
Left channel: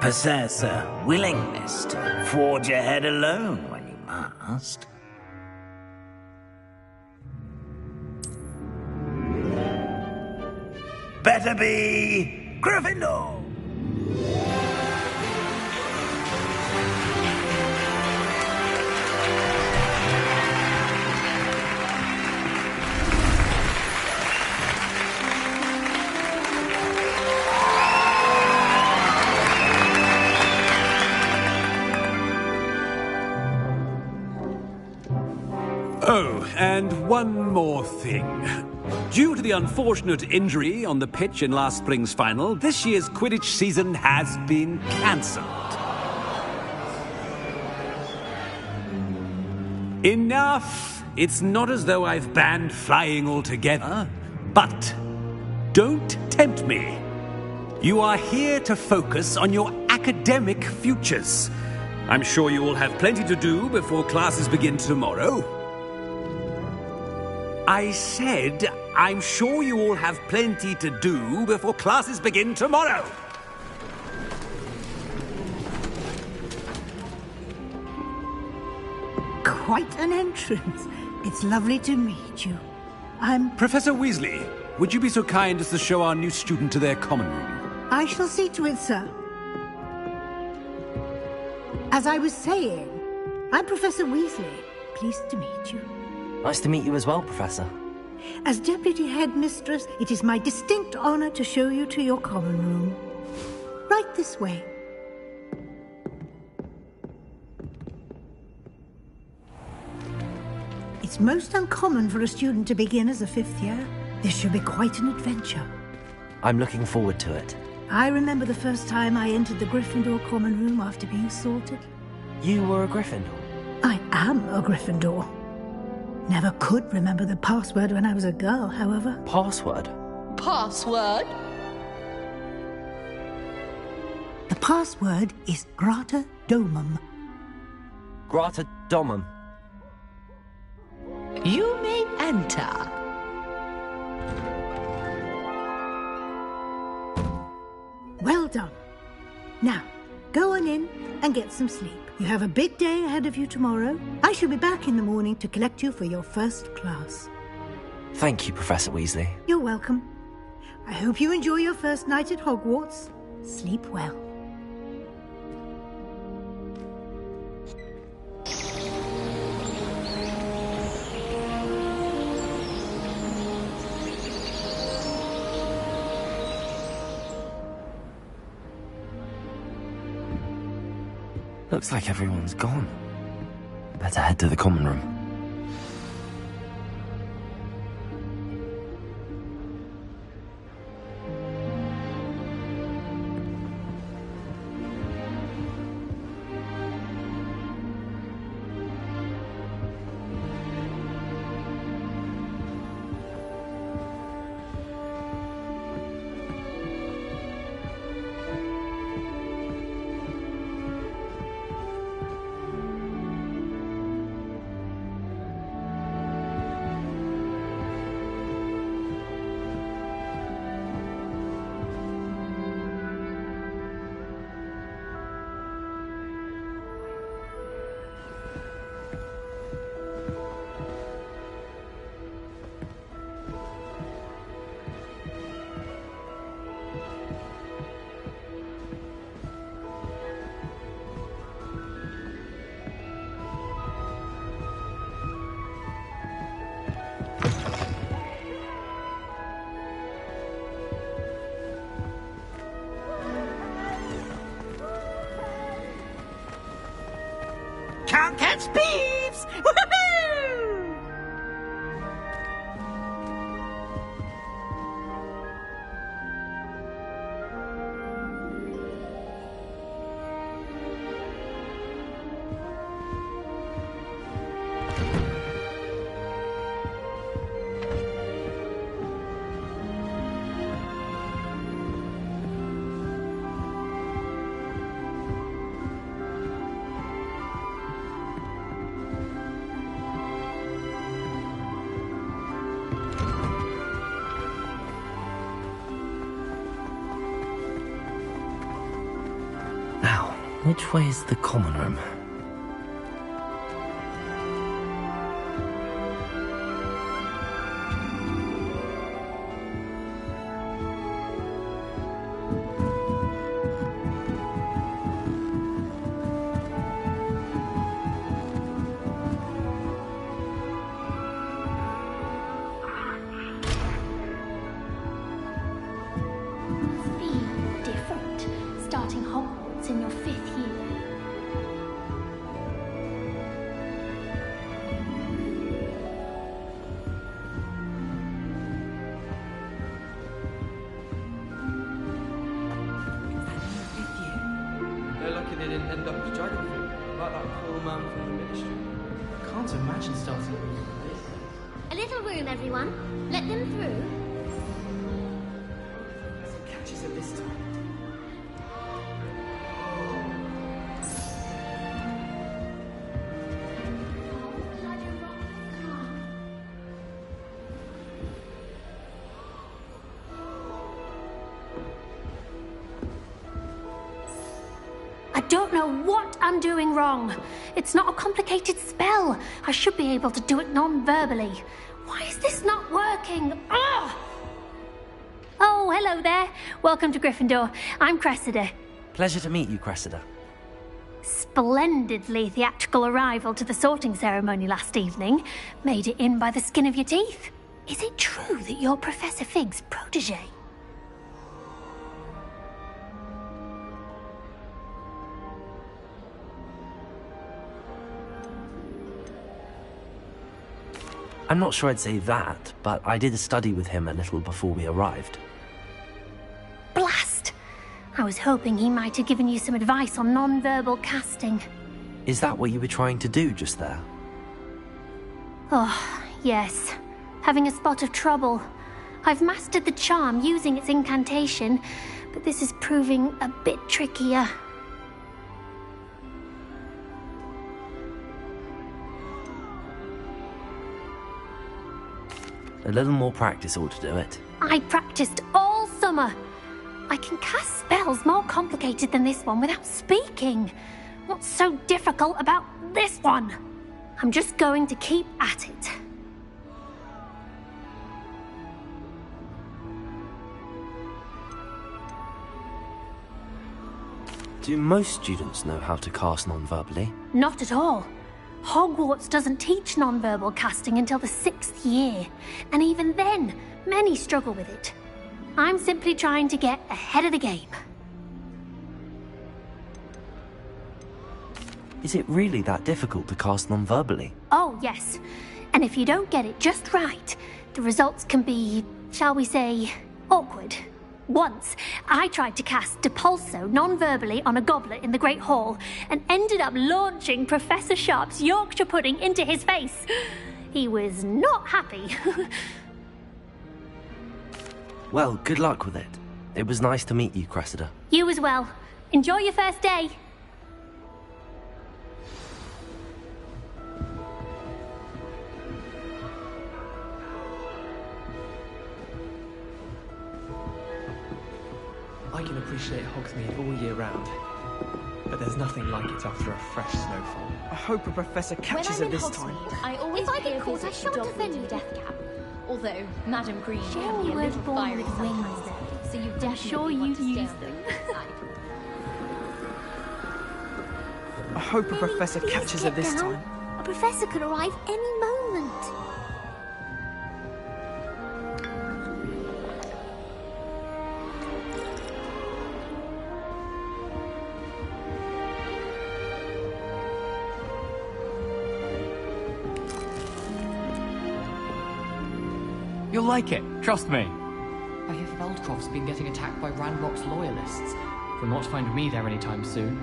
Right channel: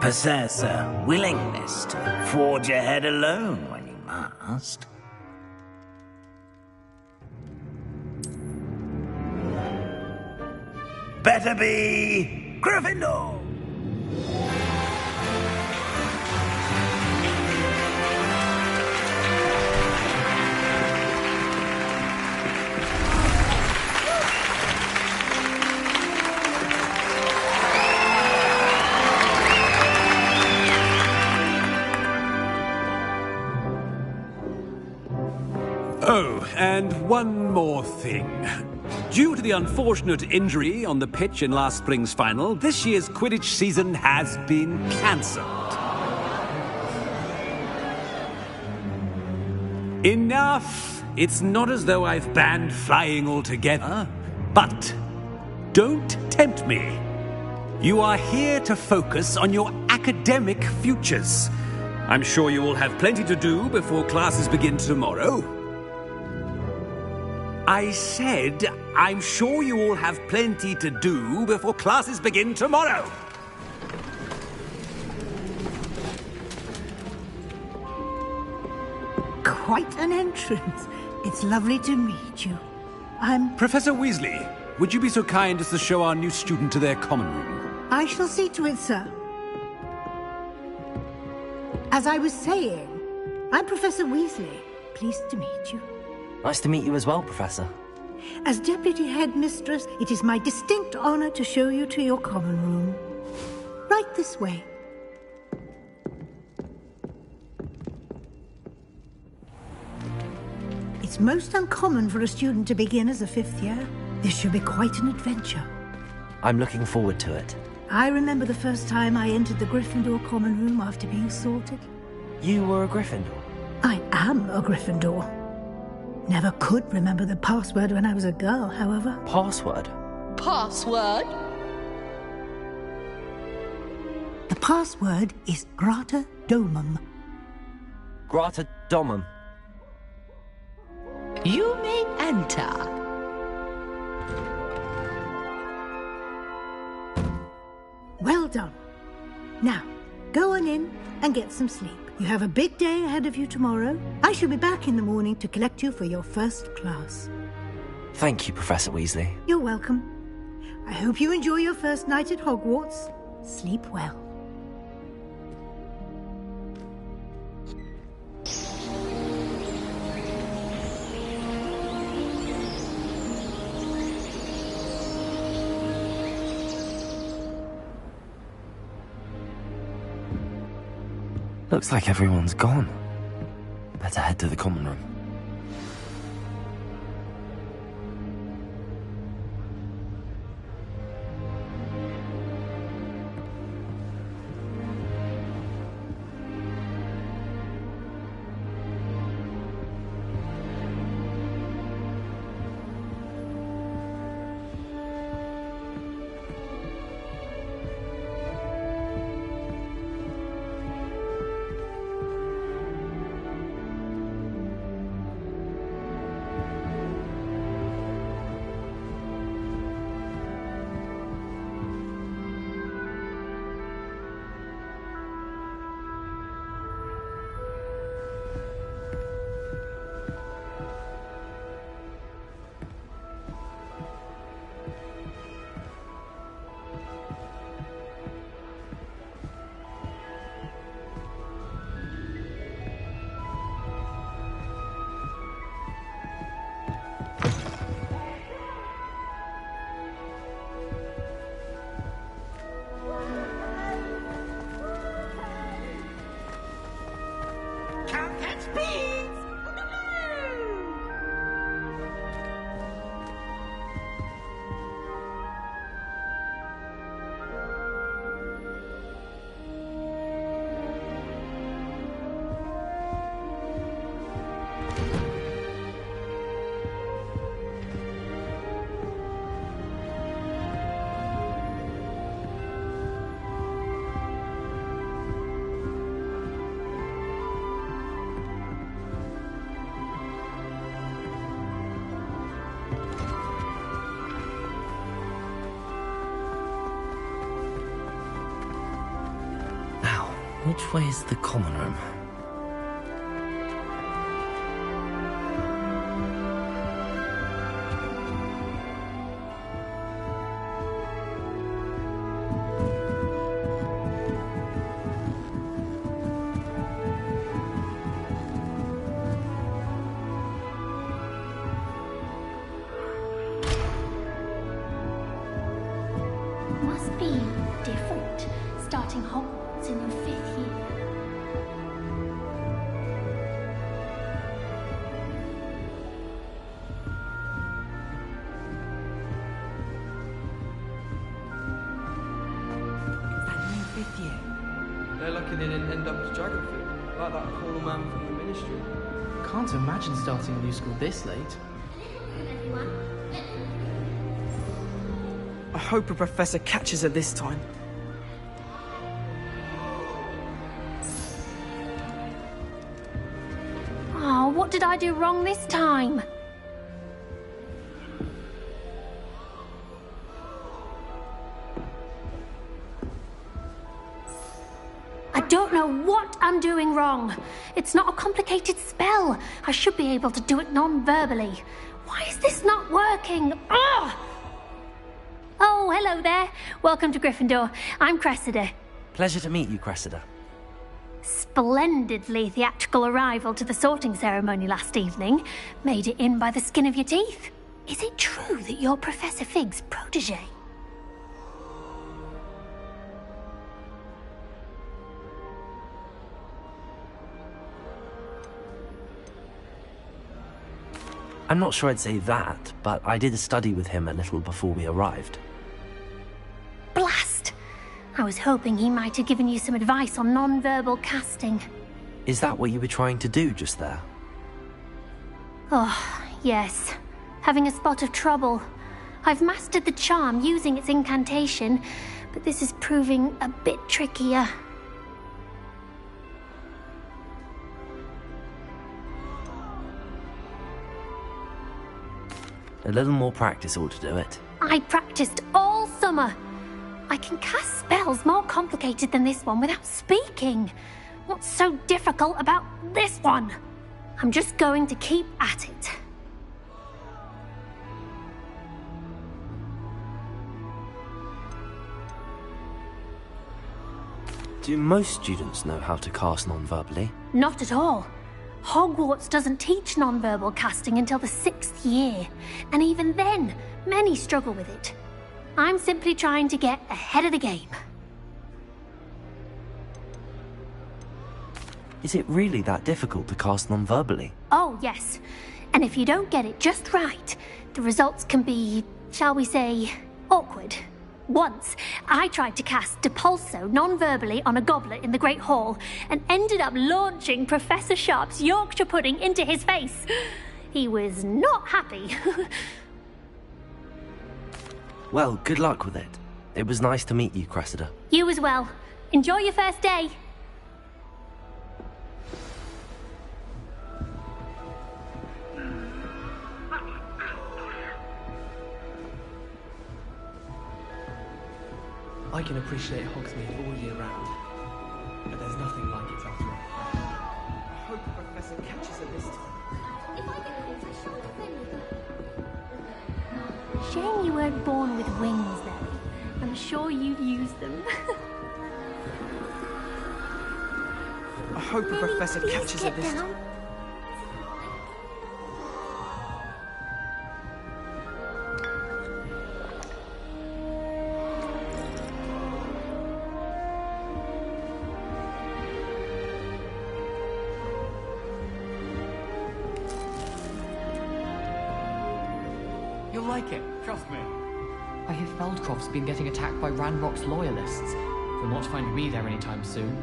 Possess a willingness to forge ahead alone when you must. Better be Gryffindor! Oh, and one more thing. Due to the unfortunate injury on the pitch in last spring's final, this year's Quidditch season has been cancelled. Enough! It's not as though I've banned flying altogether, but Don't tempt me. You are here to focus on your academic futures. I'm sure you will have plenty to do before classes begin tomorrow. I said, I'm sure you all have plenty to do before classes begin tomorrow. Quite an entrance. It's lovely to meet you. I'm... Professor Weasley, would you be so kind as to show our new student to their common room? I shall see to it, sir. As I was saying, I'm Professor Weasley. Pleased to meet you. Nice to meet you as well, Professor. As Deputy Headmistress, it is my distinct honor to show you to your common room. Right this way. It's most uncommon for a student to begin as a fifth year. This should be quite an adventure. I'm looking forward to it. I remember the first time I entered the Gryffindor common room after being sorted. You were a Gryffindor? I am a Gryffindor. Never could remember the password when I was a girl, however. Password? Password? The password is Grata Domum. Grata Domum. You may enter. Well done. Now, go on in and get some sleep. You have a big day ahead of you tomorrow. I shall be back in the morning to collect you for your first class. Thank you, Professor Weasley. You're welcome. I hope you enjoy your first night at Hogwarts. Sleep well. Looks like everyone's gone. Better head to the common room. Can't catch thieves! Woohoo! Which way is the common room? Must be different, starting Hogwarts in your 5th year. They're lucky they didn't end up as Dragonfield, like that poor man from the Ministry. Can't imagine starting a musical this late. A little room, everyone. Let them through. hope a professor catches her this time. Oh, what did I do wrong this time? I don't know what I'm doing wrong. It's not a complicated spell. I should be able to do it non-verbally. Why is this not working? Ugh! Oh, hello there. Welcome to Gryffindor. I'm Cressida. Pleasure to meet you, Cressida. Splendidly theatrical arrival to the sorting ceremony last evening. Made it in by the skin of your teeth. Is it true that you're Professor Fig's protege? I'm not sure I'd say that, but I did study with him a little before we arrived. Blast! I was hoping he might have given you some advice on non-verbal casting. Is that what you were trying to do just there? Oh, yes. Having a spot of trouble. I've mastered the charm using its incantation, but this is proving a bit trickier. A little more practice ought to do it. I practiced all summer. I can cast spells more complicated than this one without speaking. What's so difficult about this one? I'm just going to keep at it. Do most students know how to cast non-verbally? Not at all. Hogwarts doesn't teach non-verbal casting until the 6th year, and even then, many struggle with it. I'm simply trying to get ahead of the game. Is it really that difficult to cast non-verbally? Oh, yes. And if you don't get it just right, the results can be, shall we say, awkward. Once, I tried to cast Depulso non-verbally on a goblet in the Great Hall and ended up launching Professor Sharp's Yorkshire pudding into his face. He was not happy. Well, good luck with it. It was nice to meet you, Cressida. You as well. Enjoy your first day. I can appreciate Hogsmeade all year round, but there's nothing like it after a fresh snowfall. I hope a professor catches her this time. If I get caught, I shan't defend you, Deathcap. Although, Madam Green... Shame you weren't born with wings, though. I'm sure you'd use them. I hope a professor Please catches her get this down. time. A professor could arrive any moment. You'll like it, trust me. I hear Feldcroft's been getting attacked by Ranrock's loyalists. They'll not find me there anytime soon.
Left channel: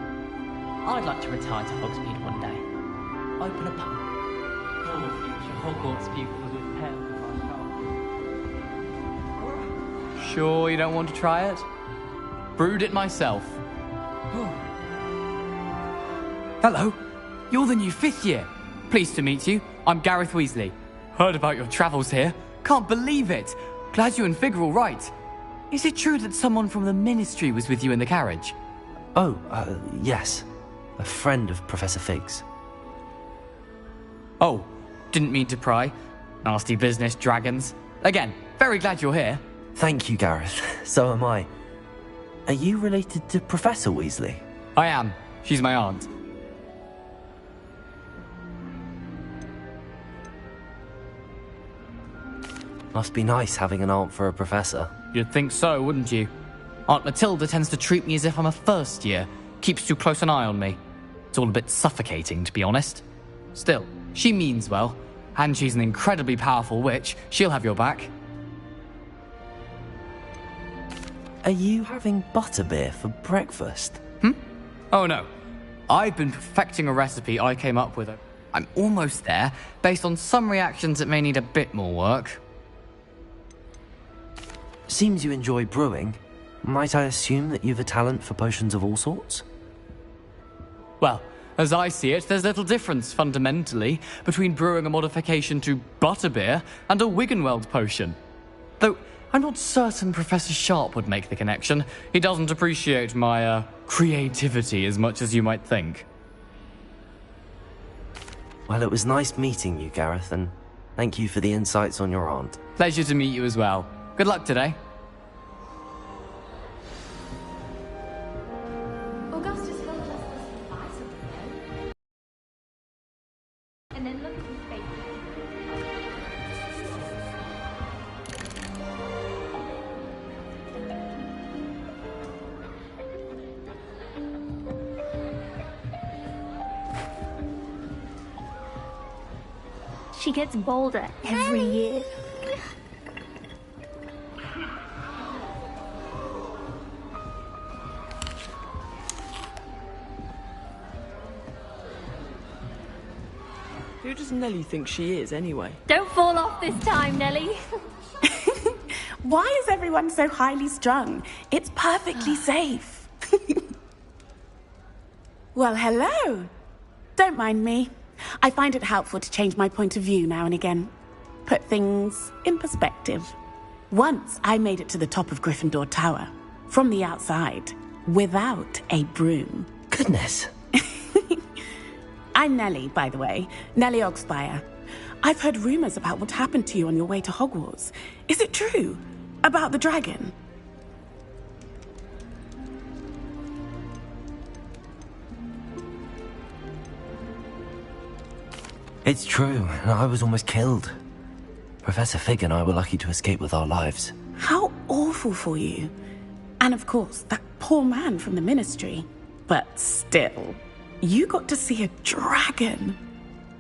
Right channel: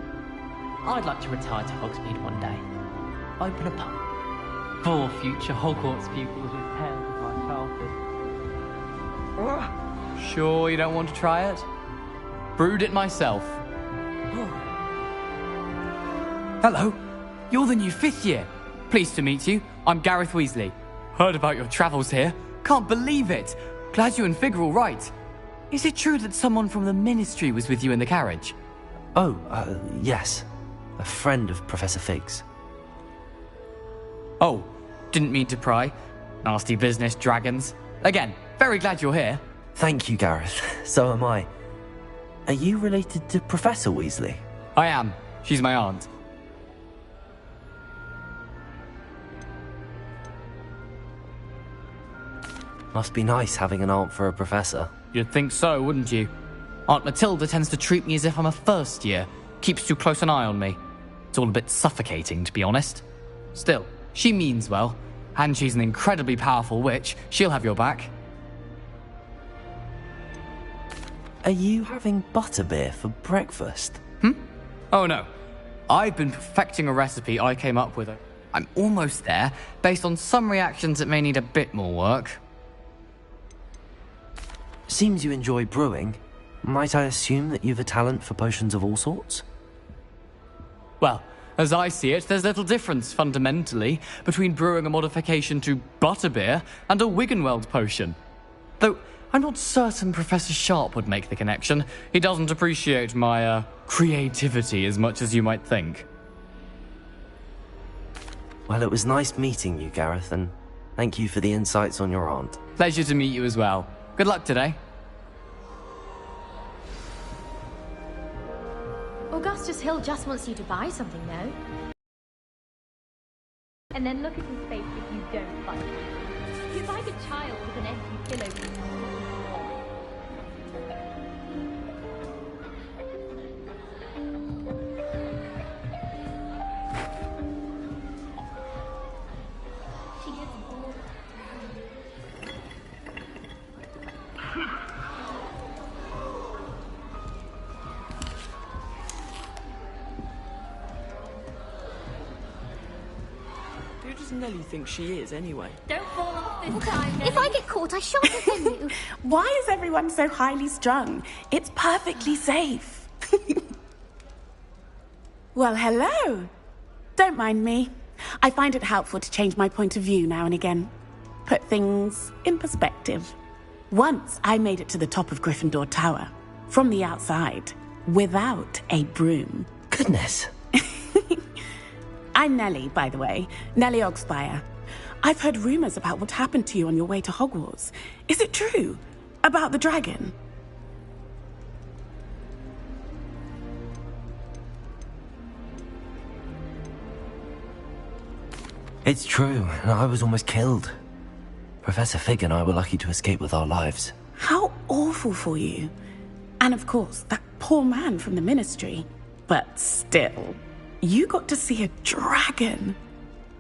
I'd like to retire to Hogsmeade one day. Open a pub. For future Hogwarts pupils with tales of my childhood. Sure you don't want to try it? Brewed it myself. Hello, you're the new 5th year. Pleased to meet you. I'm Gareth Weasley. Heard about your travels here. Can't believe it! Glad you and Fig are all right. Is it true that someone from the Ministry was with you in the carriage? Oh, yes. A friend of Professor Fig's. Oh, didn't mean to pry. Nasty business, dragons. Again, very glad you're here. Thank you, Gareth. So am I. Are you related to Professor Weasley? I am. She's my aunt. Must be nice having an aunt for a professor. You'd think so, wouldn't you? Aunt Matilda tends to treat me as if I'm a first year. Keeps too close an eye on me. It's all a bit suffocating, to be honest. Still, she means well. And she's an incredibly powerful witch. She'll have your back. Are you having butterbeer for breakfast? Oh no. I've been perfecting a recipe I came up with. I'm almost there, based on some reactions that may need a bit more work. Seems you enjoy brewing. Might I assume that you've a talent for potions of all sorts? Well, as I see it, there's little difference, fundamentally, between brewing a modification to butterbeer and a Wiggenweld potion. Though, I'm not certain Professor Sharp would make the connection. He doesn't appreciate my, creativity as much as you might think. Well, it was nice meeting you, Gareth, and thank you for the insights on your aunt. Pleasure to meet you as well. Good luck today. Augustus Hill just wants you to buy something, though. And then look at his face if you don't buy it. You find a child with an empty pillow. She gets bolder every year. Who does Nellie think she is, anyway? Don't fall off this time, Nellie. If I get caught, I shan't offend you. Why is everyone so highly strung? It's perfectly safe. Well, hello. Don't mind me. I find it helpful to change my point of view now and again. Put things in perspective. Once I made it to the top of Gryffindor Tower, from the outside, without a broom. Goodness. I'm Nellie, by the way. Nellie Ogspire. I've heard rumors about what happened to you on your way to Hogwarts. Is it true? About the dragon? It's true, and I was almost killed. Professor Fig and I were lucky to escape with our lives. How awful for you. And of course, that poor man from the Ministry. But still, you got to see a dragon.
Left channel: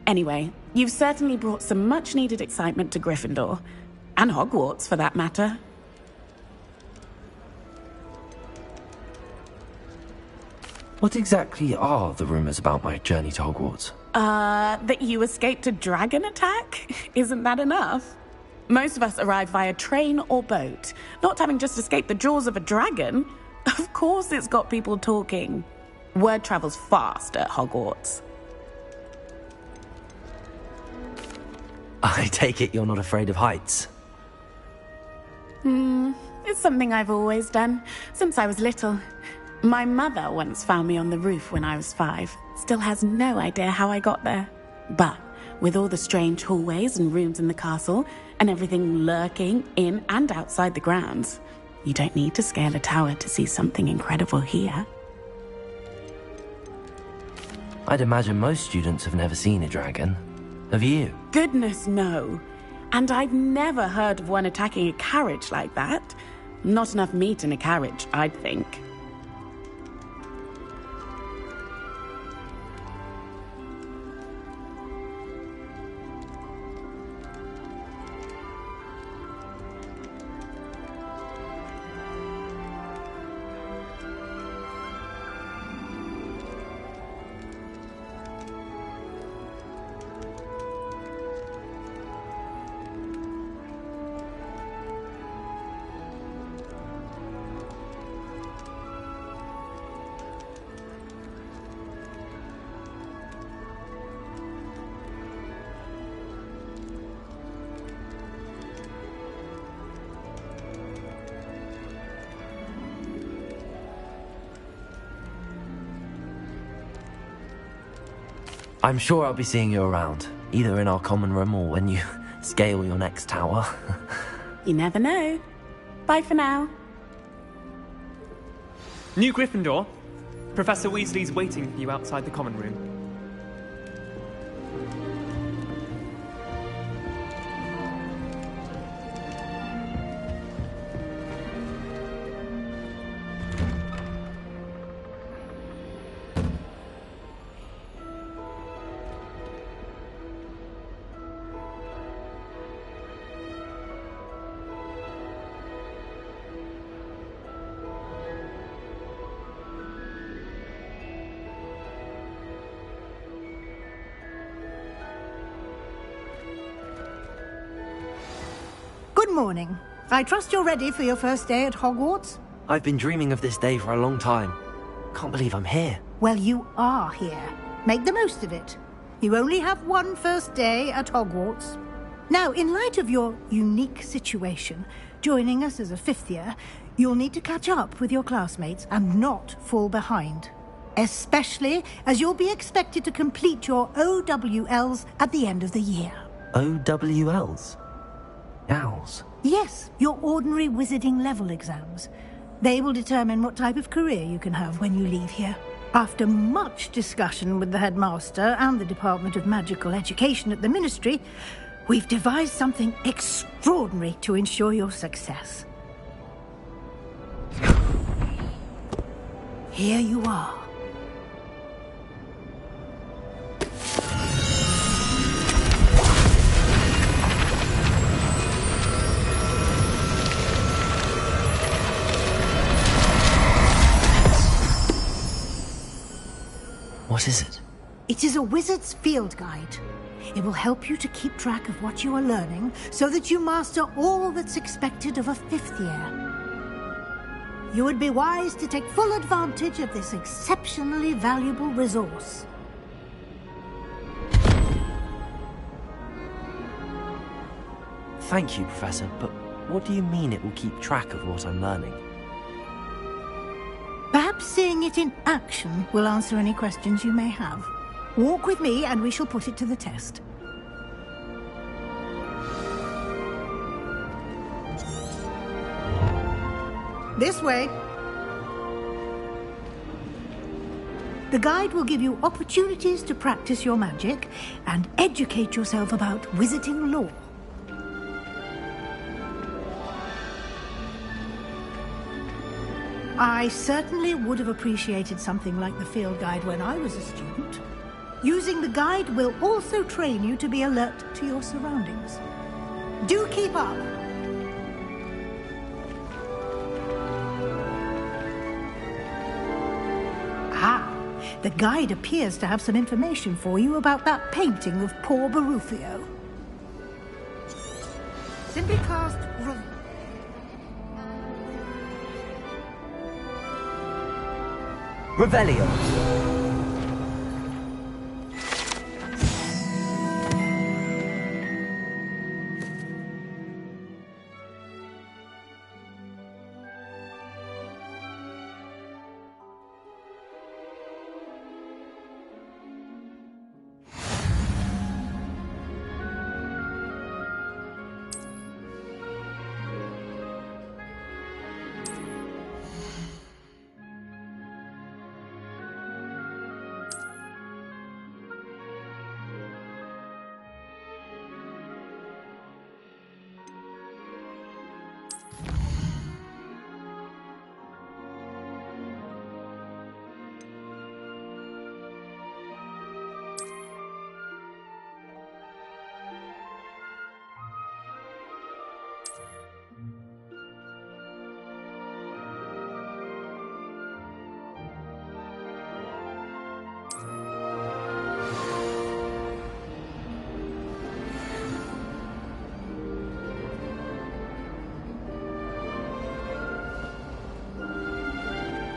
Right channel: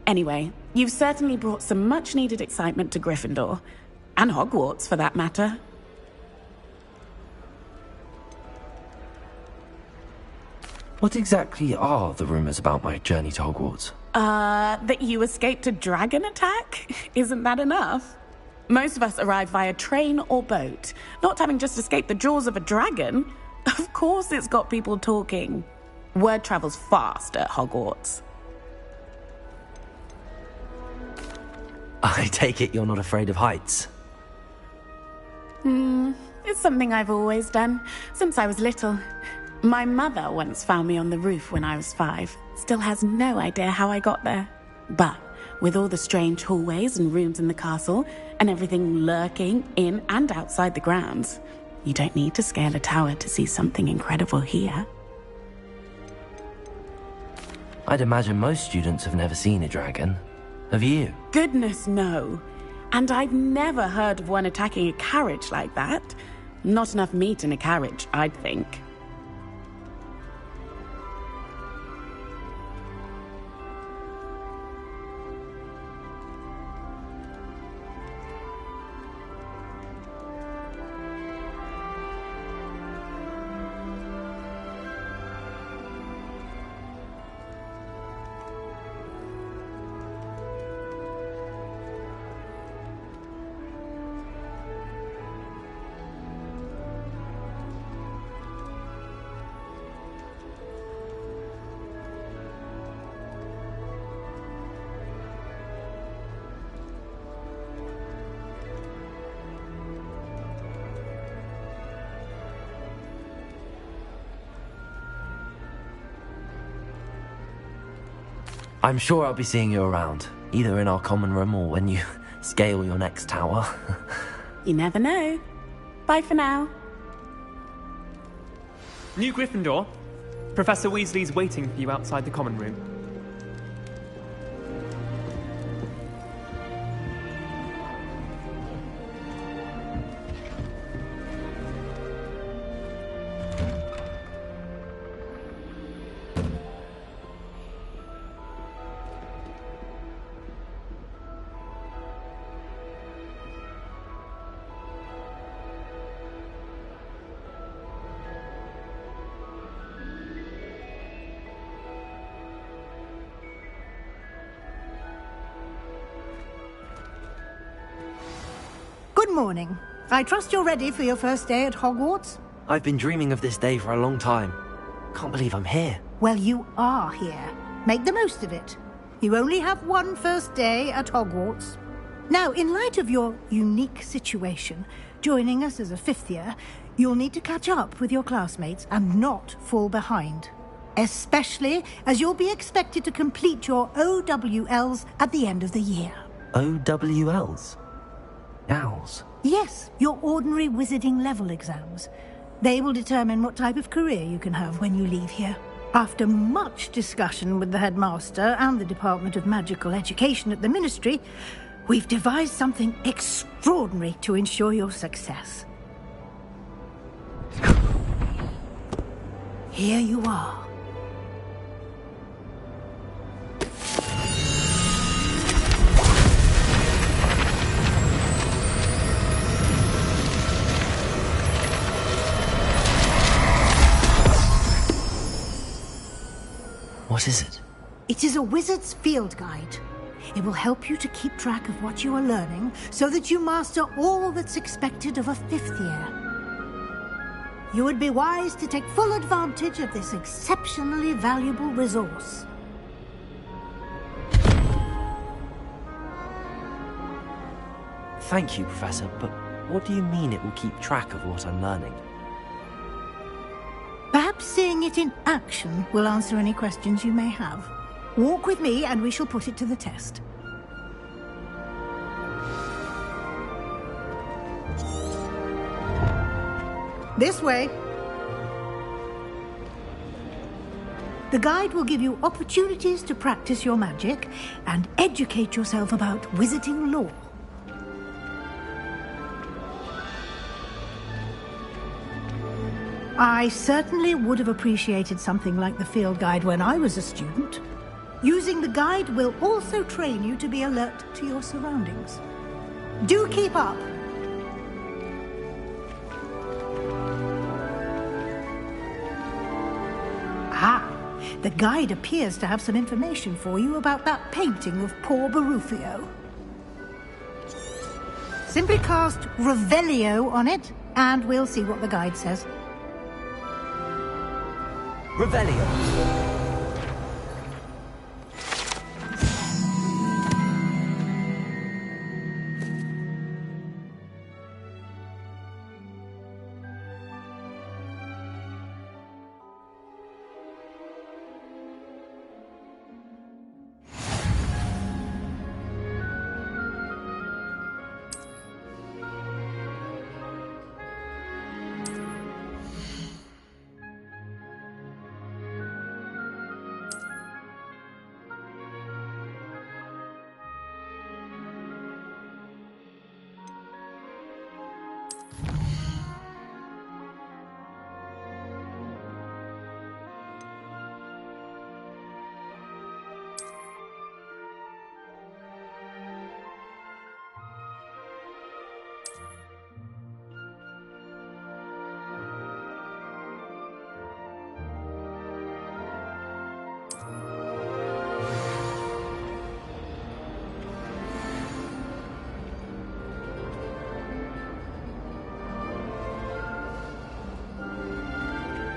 Anyway, you've certainly brought some much-needed excitement to Gryffindor. And Hogwarts, for that matter. What exactly are the rumors about my journey to Hogwarts? That you escaped a dragon attack? Isn't that enough? Most of us arrive via train or boat, not having just escaped the jaws of a dragon. Of course it's got people talking. Word travels fast at Hogwarts. I take it you're not afraid of heights? It's something I've always done, since I was little. My mother once found me on the roof when I was 5. Still has no idea how I got there. But with all the strange hallways and rooms in the castle, and everything lurking in and outside the grounds, you don't need to scale a tower to see something incredible here. I'd imagine most students have never seen a dragon. Have you? Goodness, no. And I've never heard of one attacking a carriage like that. Not enough meat in a carriage, I'd think. I'm sure I'll be seeing you around, either in our common room or when you scale your next tower. You never know. Bye for now. New Gryffindor. Professor Weasley's waiting for you outside the common room. Good morning. I trust you're ready for your first day at Hogwarts? I've been dreaming of this day for a long time. Can't believe I'm here. Well, you are here. Make the most of it. You only have one first day at Hogwarts. Now, in light of your unique situation, joining us as a fifth year, you'll need to catch up with your classmates and not fall behind. Especially as you'll be expected to complete your OWLs at the end of the year. OWLs? Owls? Yes, your ordinary wizarding level exams. They will determine what type of career you can have when you leave here. After much discussion with the headmaster and the Department of Magical Education at the Ministry, we've devised something extraordinary to ensure your success. Here you are. What is it? It is a wizard's field guide. It will help you to keep track of what you are learning so that you master all that's expected of a fifth year. You would be wise to take full advantage of this exceptionally valuable resource. Thank you, Professor, but what do you mean it will keep track of what I'm learning? Perhaps seeing it in action will answer any questions you may have. Walk with me and we shall put it to the test. This way. The guide will give you opportunities to practice your magic and educate yourself about wizarding lore. I certainly would have appreciated something like the field guide when I was a student. Using the guide will also train you to be alert to your surroundings. Do keep up! Ah, the guide appears to have some information for you about that painting of poor Barufio. Simply cast Revelio on it, and we'll see what the guide says. Revelio.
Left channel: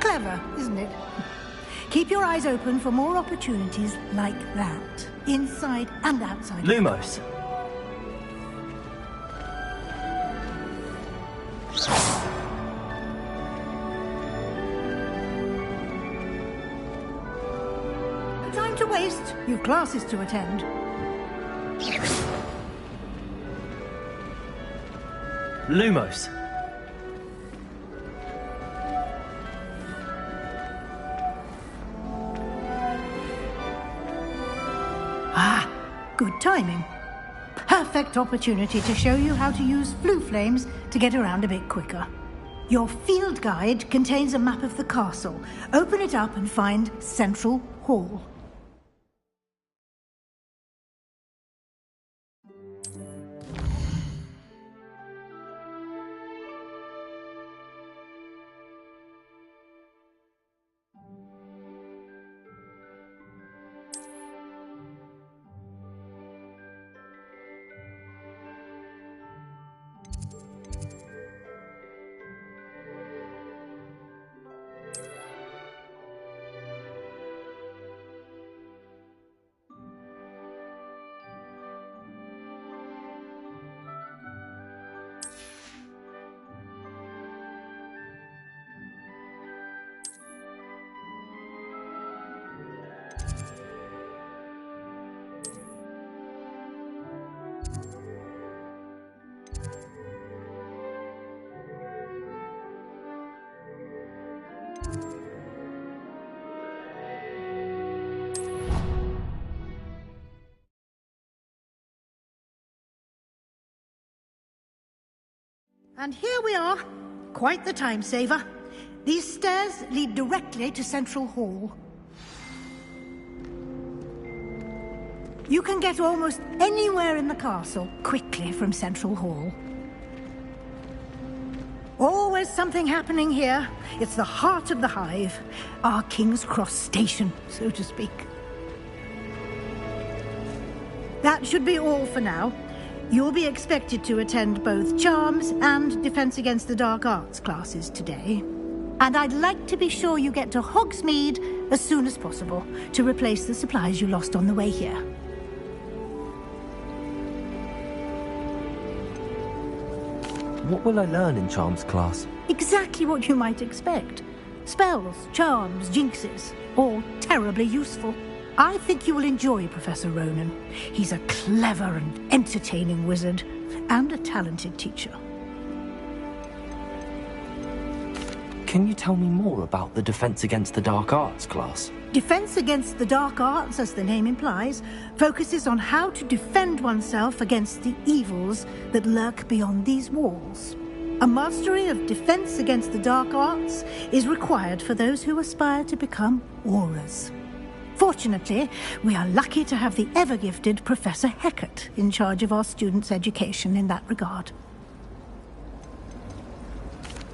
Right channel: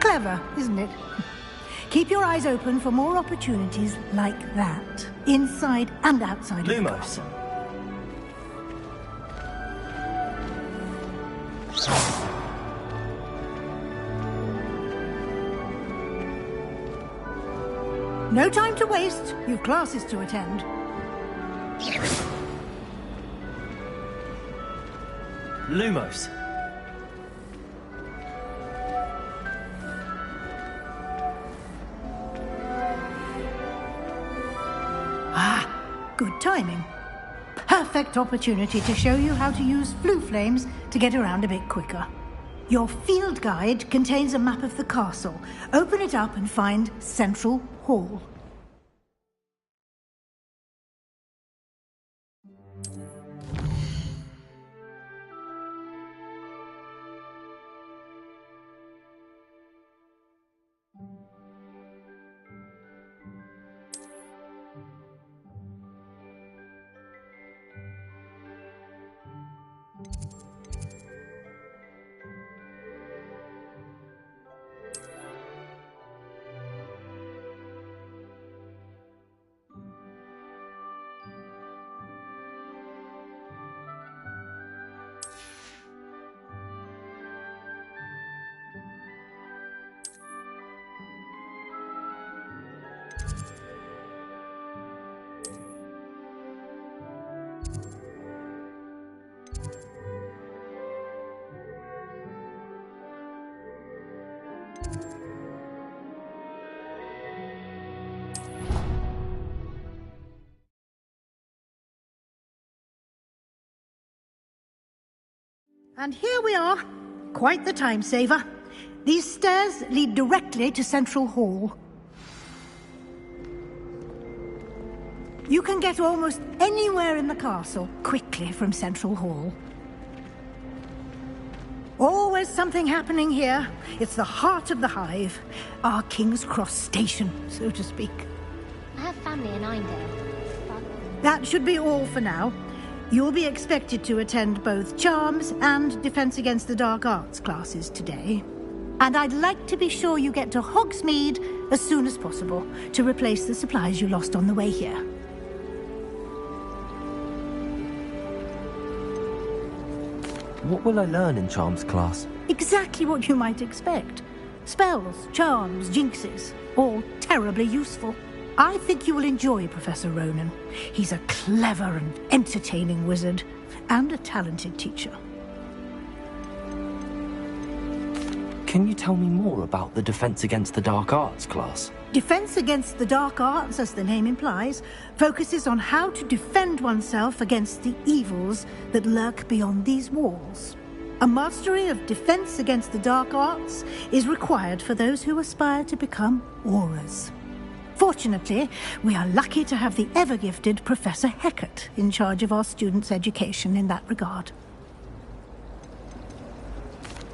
Clever, isn't it? Keep your eyes open for more opportunities like that, inside and outside. Lumos. No time to waste. You've classes to attend. Lumos. Ah, good timing. Perfect opportunity to show you how to use Floo Flames to get around a bit quicker. Your field guide contains a map of the castle. Open it up and find Central Hall. And here we are. Quite the time saver. These stairs lead directly to Central Hall. You can get almost anywhere in the castle quickly from Central Hall. Always something happening here. It's the heart of the Hive. Our King's Cross station, so to speak. I have family in Eindhoven. That should be all for now. You'll be expected to attend both Charms and Defense Against the Dark Arts classes today. And I'd like to be sure you get to Hogsmeade as soon as possible to replace the supplies you lost on the way here. What will I learn in Charms class? Exactly what you might expect. Spells, charms, jinxes, all terribly useful. I think you will enjoy Professor Ronen. He's a clever and entertaining wizard, and a talented teacher. Can you tell me more about the Defense Against the Dark Arts class? Defense Against the Dark Arts, as the name implies, focuses on how to defend oneself against the evils that lurk beyond these walls. A mastery of Defense Against the Dark Arts is required for those who aspire to become Aurors. Fortunately, we are lucky to have the ever-gifted Professor Hecat in charge of our students' education in that regard.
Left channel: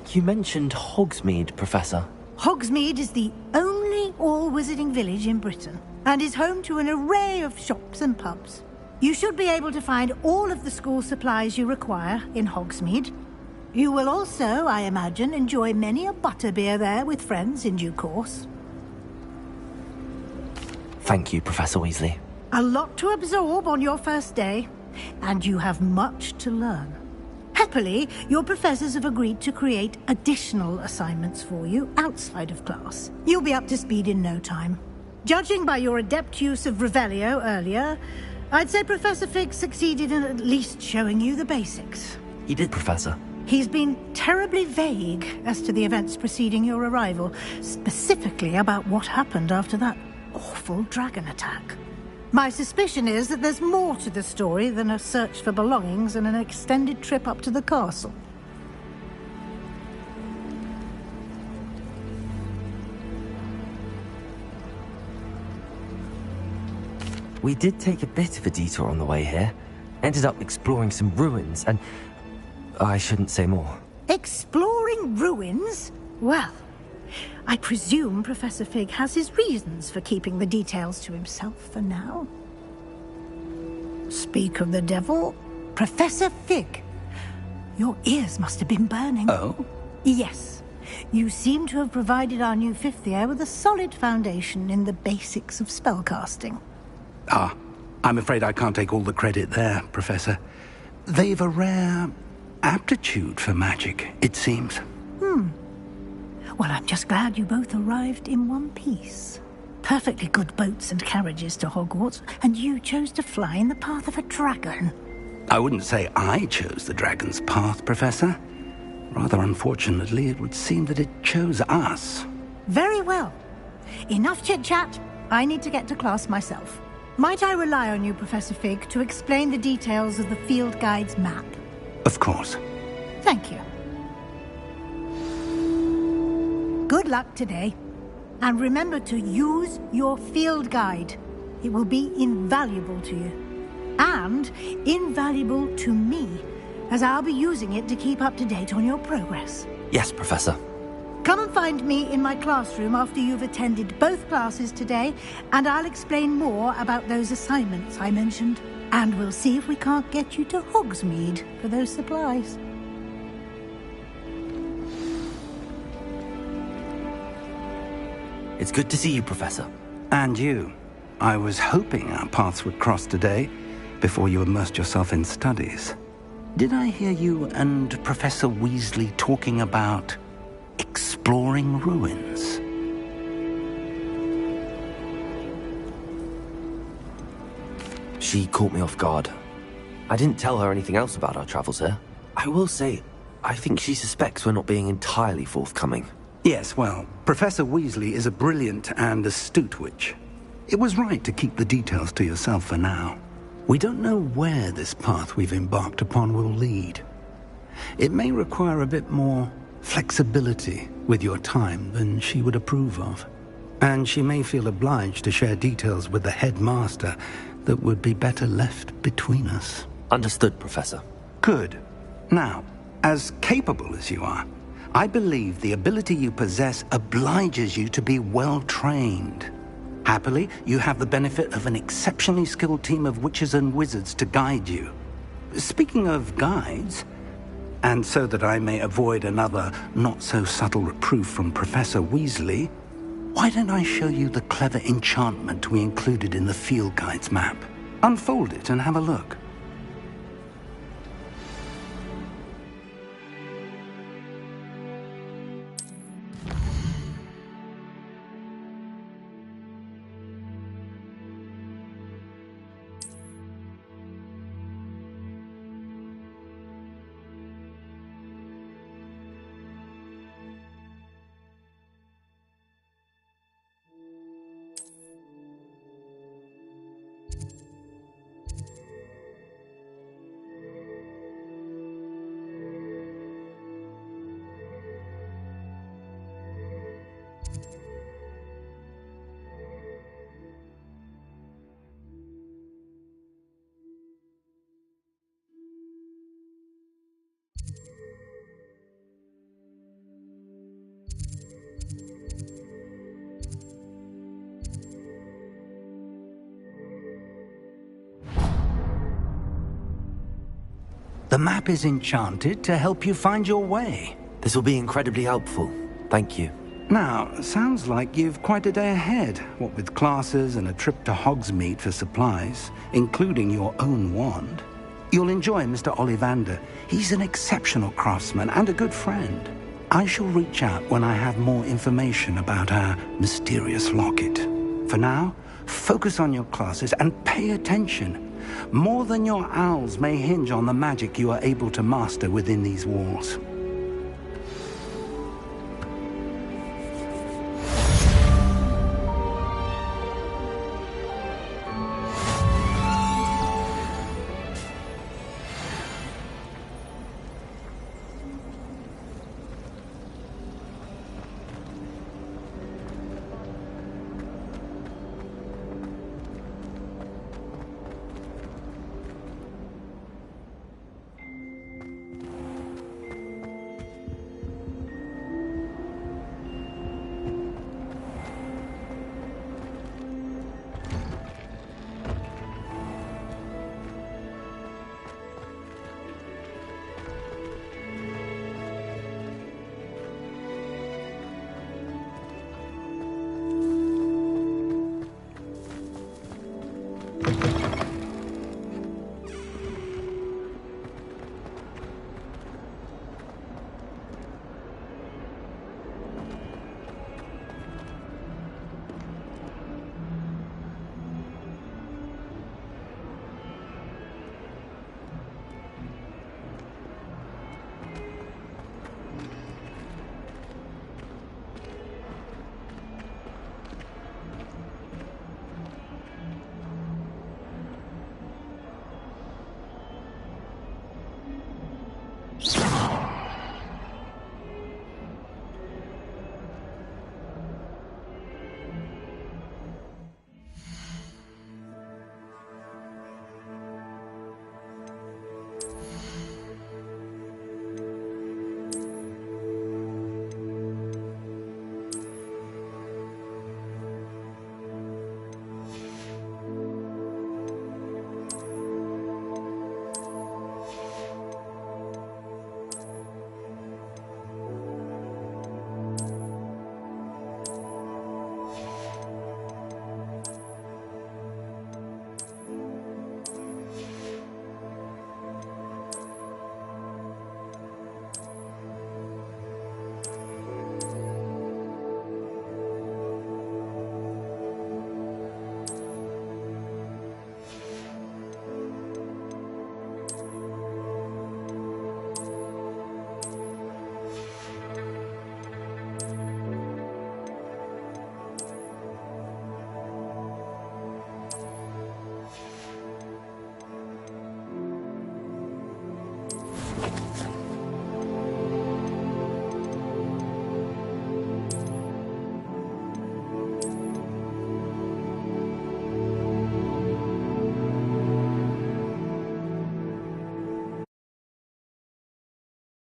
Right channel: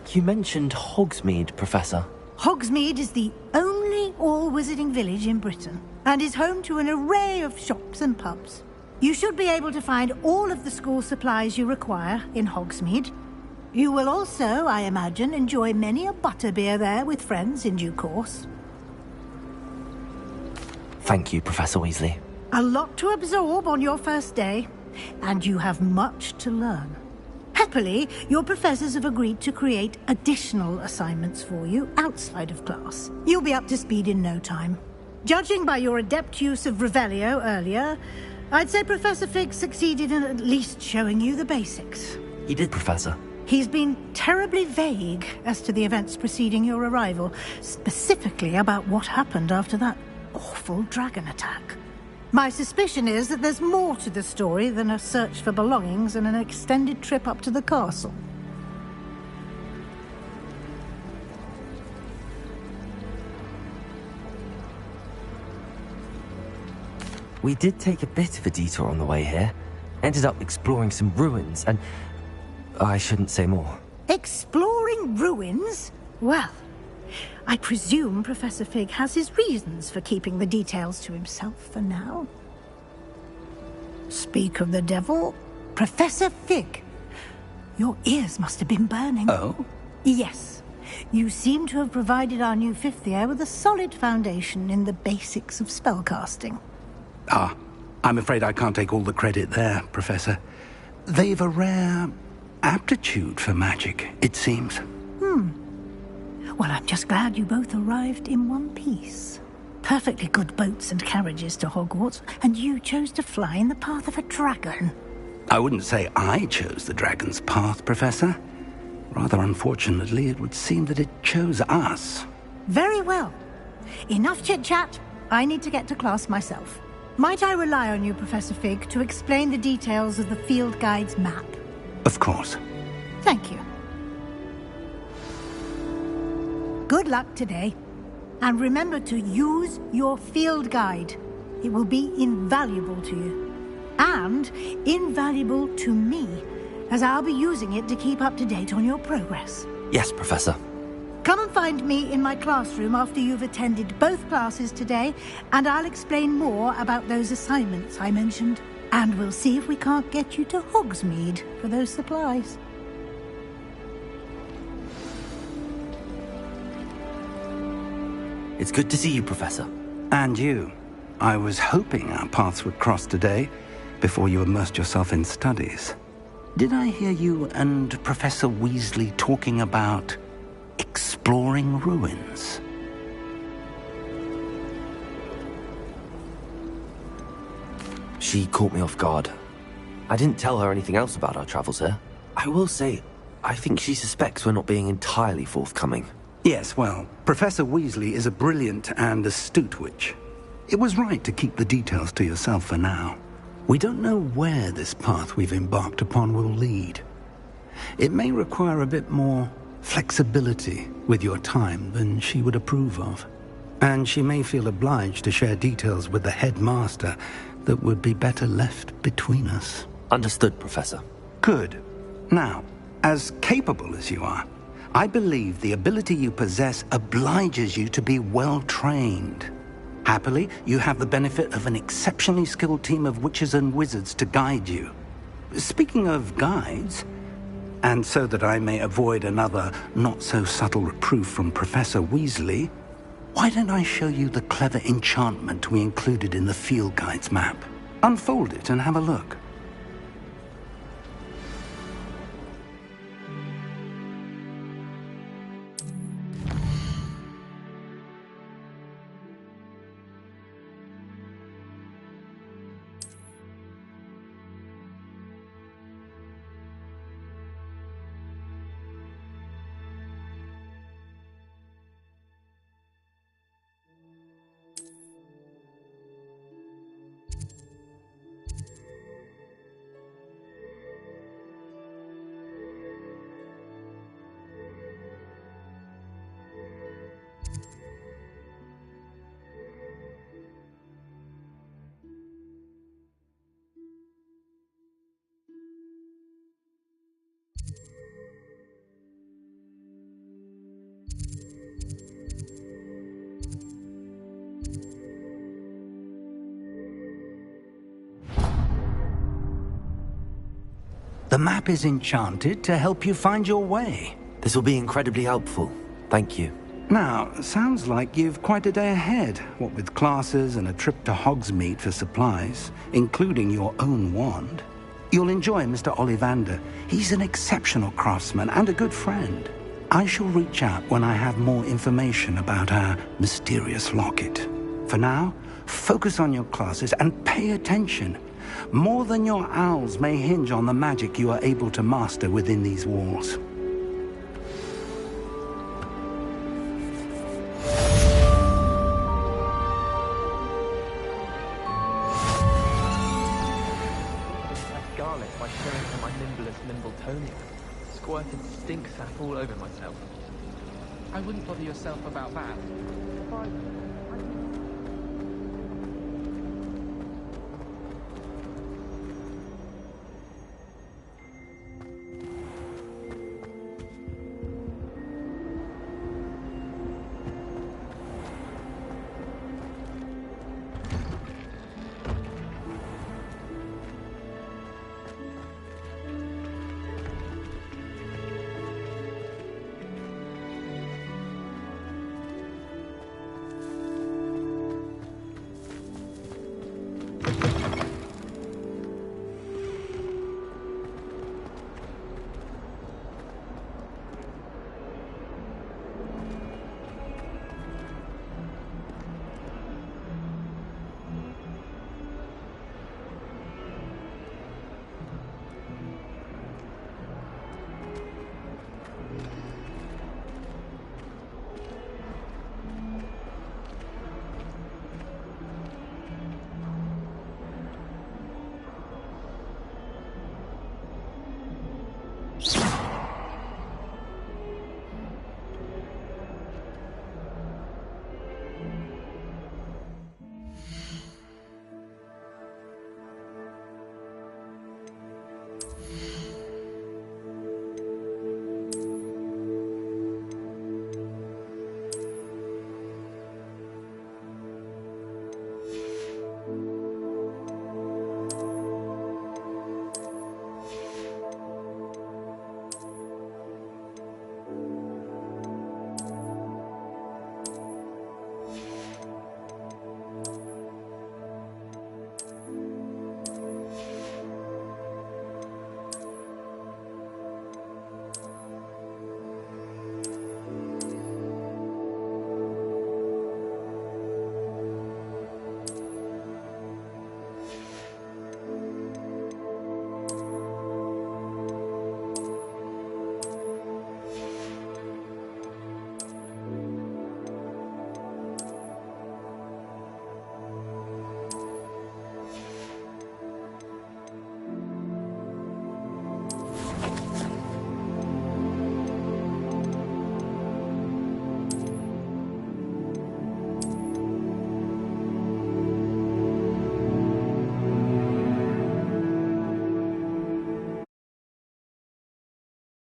You mentioned Hogsmeade, Professor. Hogsmeade is the only all-wizarding village in Britain, and is home to an array of shops and pubs. You should be able to find all of the school supplies you require in Hogsmeade. You will also, I imagine, enjoy many a butterbeer there with friends in due course. Thank you, Professor Weasley. A lot to absorb on your first day, and you have much to learn. Happily, your professors have agreed to create additional assignments for you outside of class. You'll be up to speed in no time. Judging by your adept use of Revelio earlier, I'd say Professor Fig succeeded in at least showing you the basics. He did, Professor. He's been terribly vague as to the events preceding your arrival, specifically about what happened after that awful dragon attack. My suspicion is that there's more to the story than a search for belongings and an extended trip up to the castle. We did take a bit of a detour on the way here. Ended up exploring some ruins, and I shouldn't say more. Exploring ruins? Well, I presume Professor Fig has his reasons for keeping the details to himself for now. Speak of the devil, Professor Fig. Your ears must have been burning. Oh? Yes. You seem to have provided our new fifth year with a solid foundation in the basics of spellcasting. Ah, I'm afraid I can't take all the credit there, Professor. They've a rare aptitude for magic, it seems. Well, I'm just glad you both arrived in one piece. Perfectly good boats and carriages to Hogwarts, and you chose to fly in the path of a dragon. I wouldn't say I chose the dragon's path, Professor. Rather unfortunately, it would seem that it chose us. Very well. Enough chit-chat. I need to get to class myself. Might I rely on you, Professor Fig, to explain the details of the field guide's map? Of course. Thank you. Good luck today. And remember to use your field guide. It will be invaluable to you. And invaluable to me, as I'll be using it to keep up to date on your progress. Yes, Professor. Come and find me in my classroom after you've attended both classes today, and I'll explain more about those assignments I mentioned. And we'll see if we can't get you to Hogsmeade for those supplies. It's good to see you, Professor. And you. I was hoping our paths would cross today, before you immersed yourself in studies. Did I hear you and Professor Weasley talking about exploring ruins? She caught me off guard. I didn't tell her anything else about our travels here. I will say, I think she suspects we're not being entirely forthcoming. Yes, well, Professor Weasley is a brilliant and astute witch. It was right to keep the details to yourself for now. We don't know where this path we've embarked upon will lead. It may require a bit more flexibility with your time than she would approve of. And she may feel obliged to share details with the headmaster that would be better left between us. Understood, Professor. Good. Now, as capable as you are, I believe the ability you possess obliges you to be well-trained. Happily, you have the benefit of an exceptionally skilled team of witches and wizards to guide you. Speaking of guides, and so that I may avoid another not-so-subtle reproof from Professor Weasley, why don't I show you the clever enchantment we included in the field guide's map? Unfold it and have a look. The map is enchanted to help you find your way. This will be incredibly helpful. Thank you. Now, sounds like you've quite a day ahead, what with classes and a trip to Hogsmeade for supplies, including your own wand. You'll enjoy Mr. Ollivander. He's an exceptional craftsman and a good friend. I shall reach out when I have more information about our mysterious locket. For now, focus on your classes and pay attention. More than your owls may hinge on the magic you are able to master within these walls.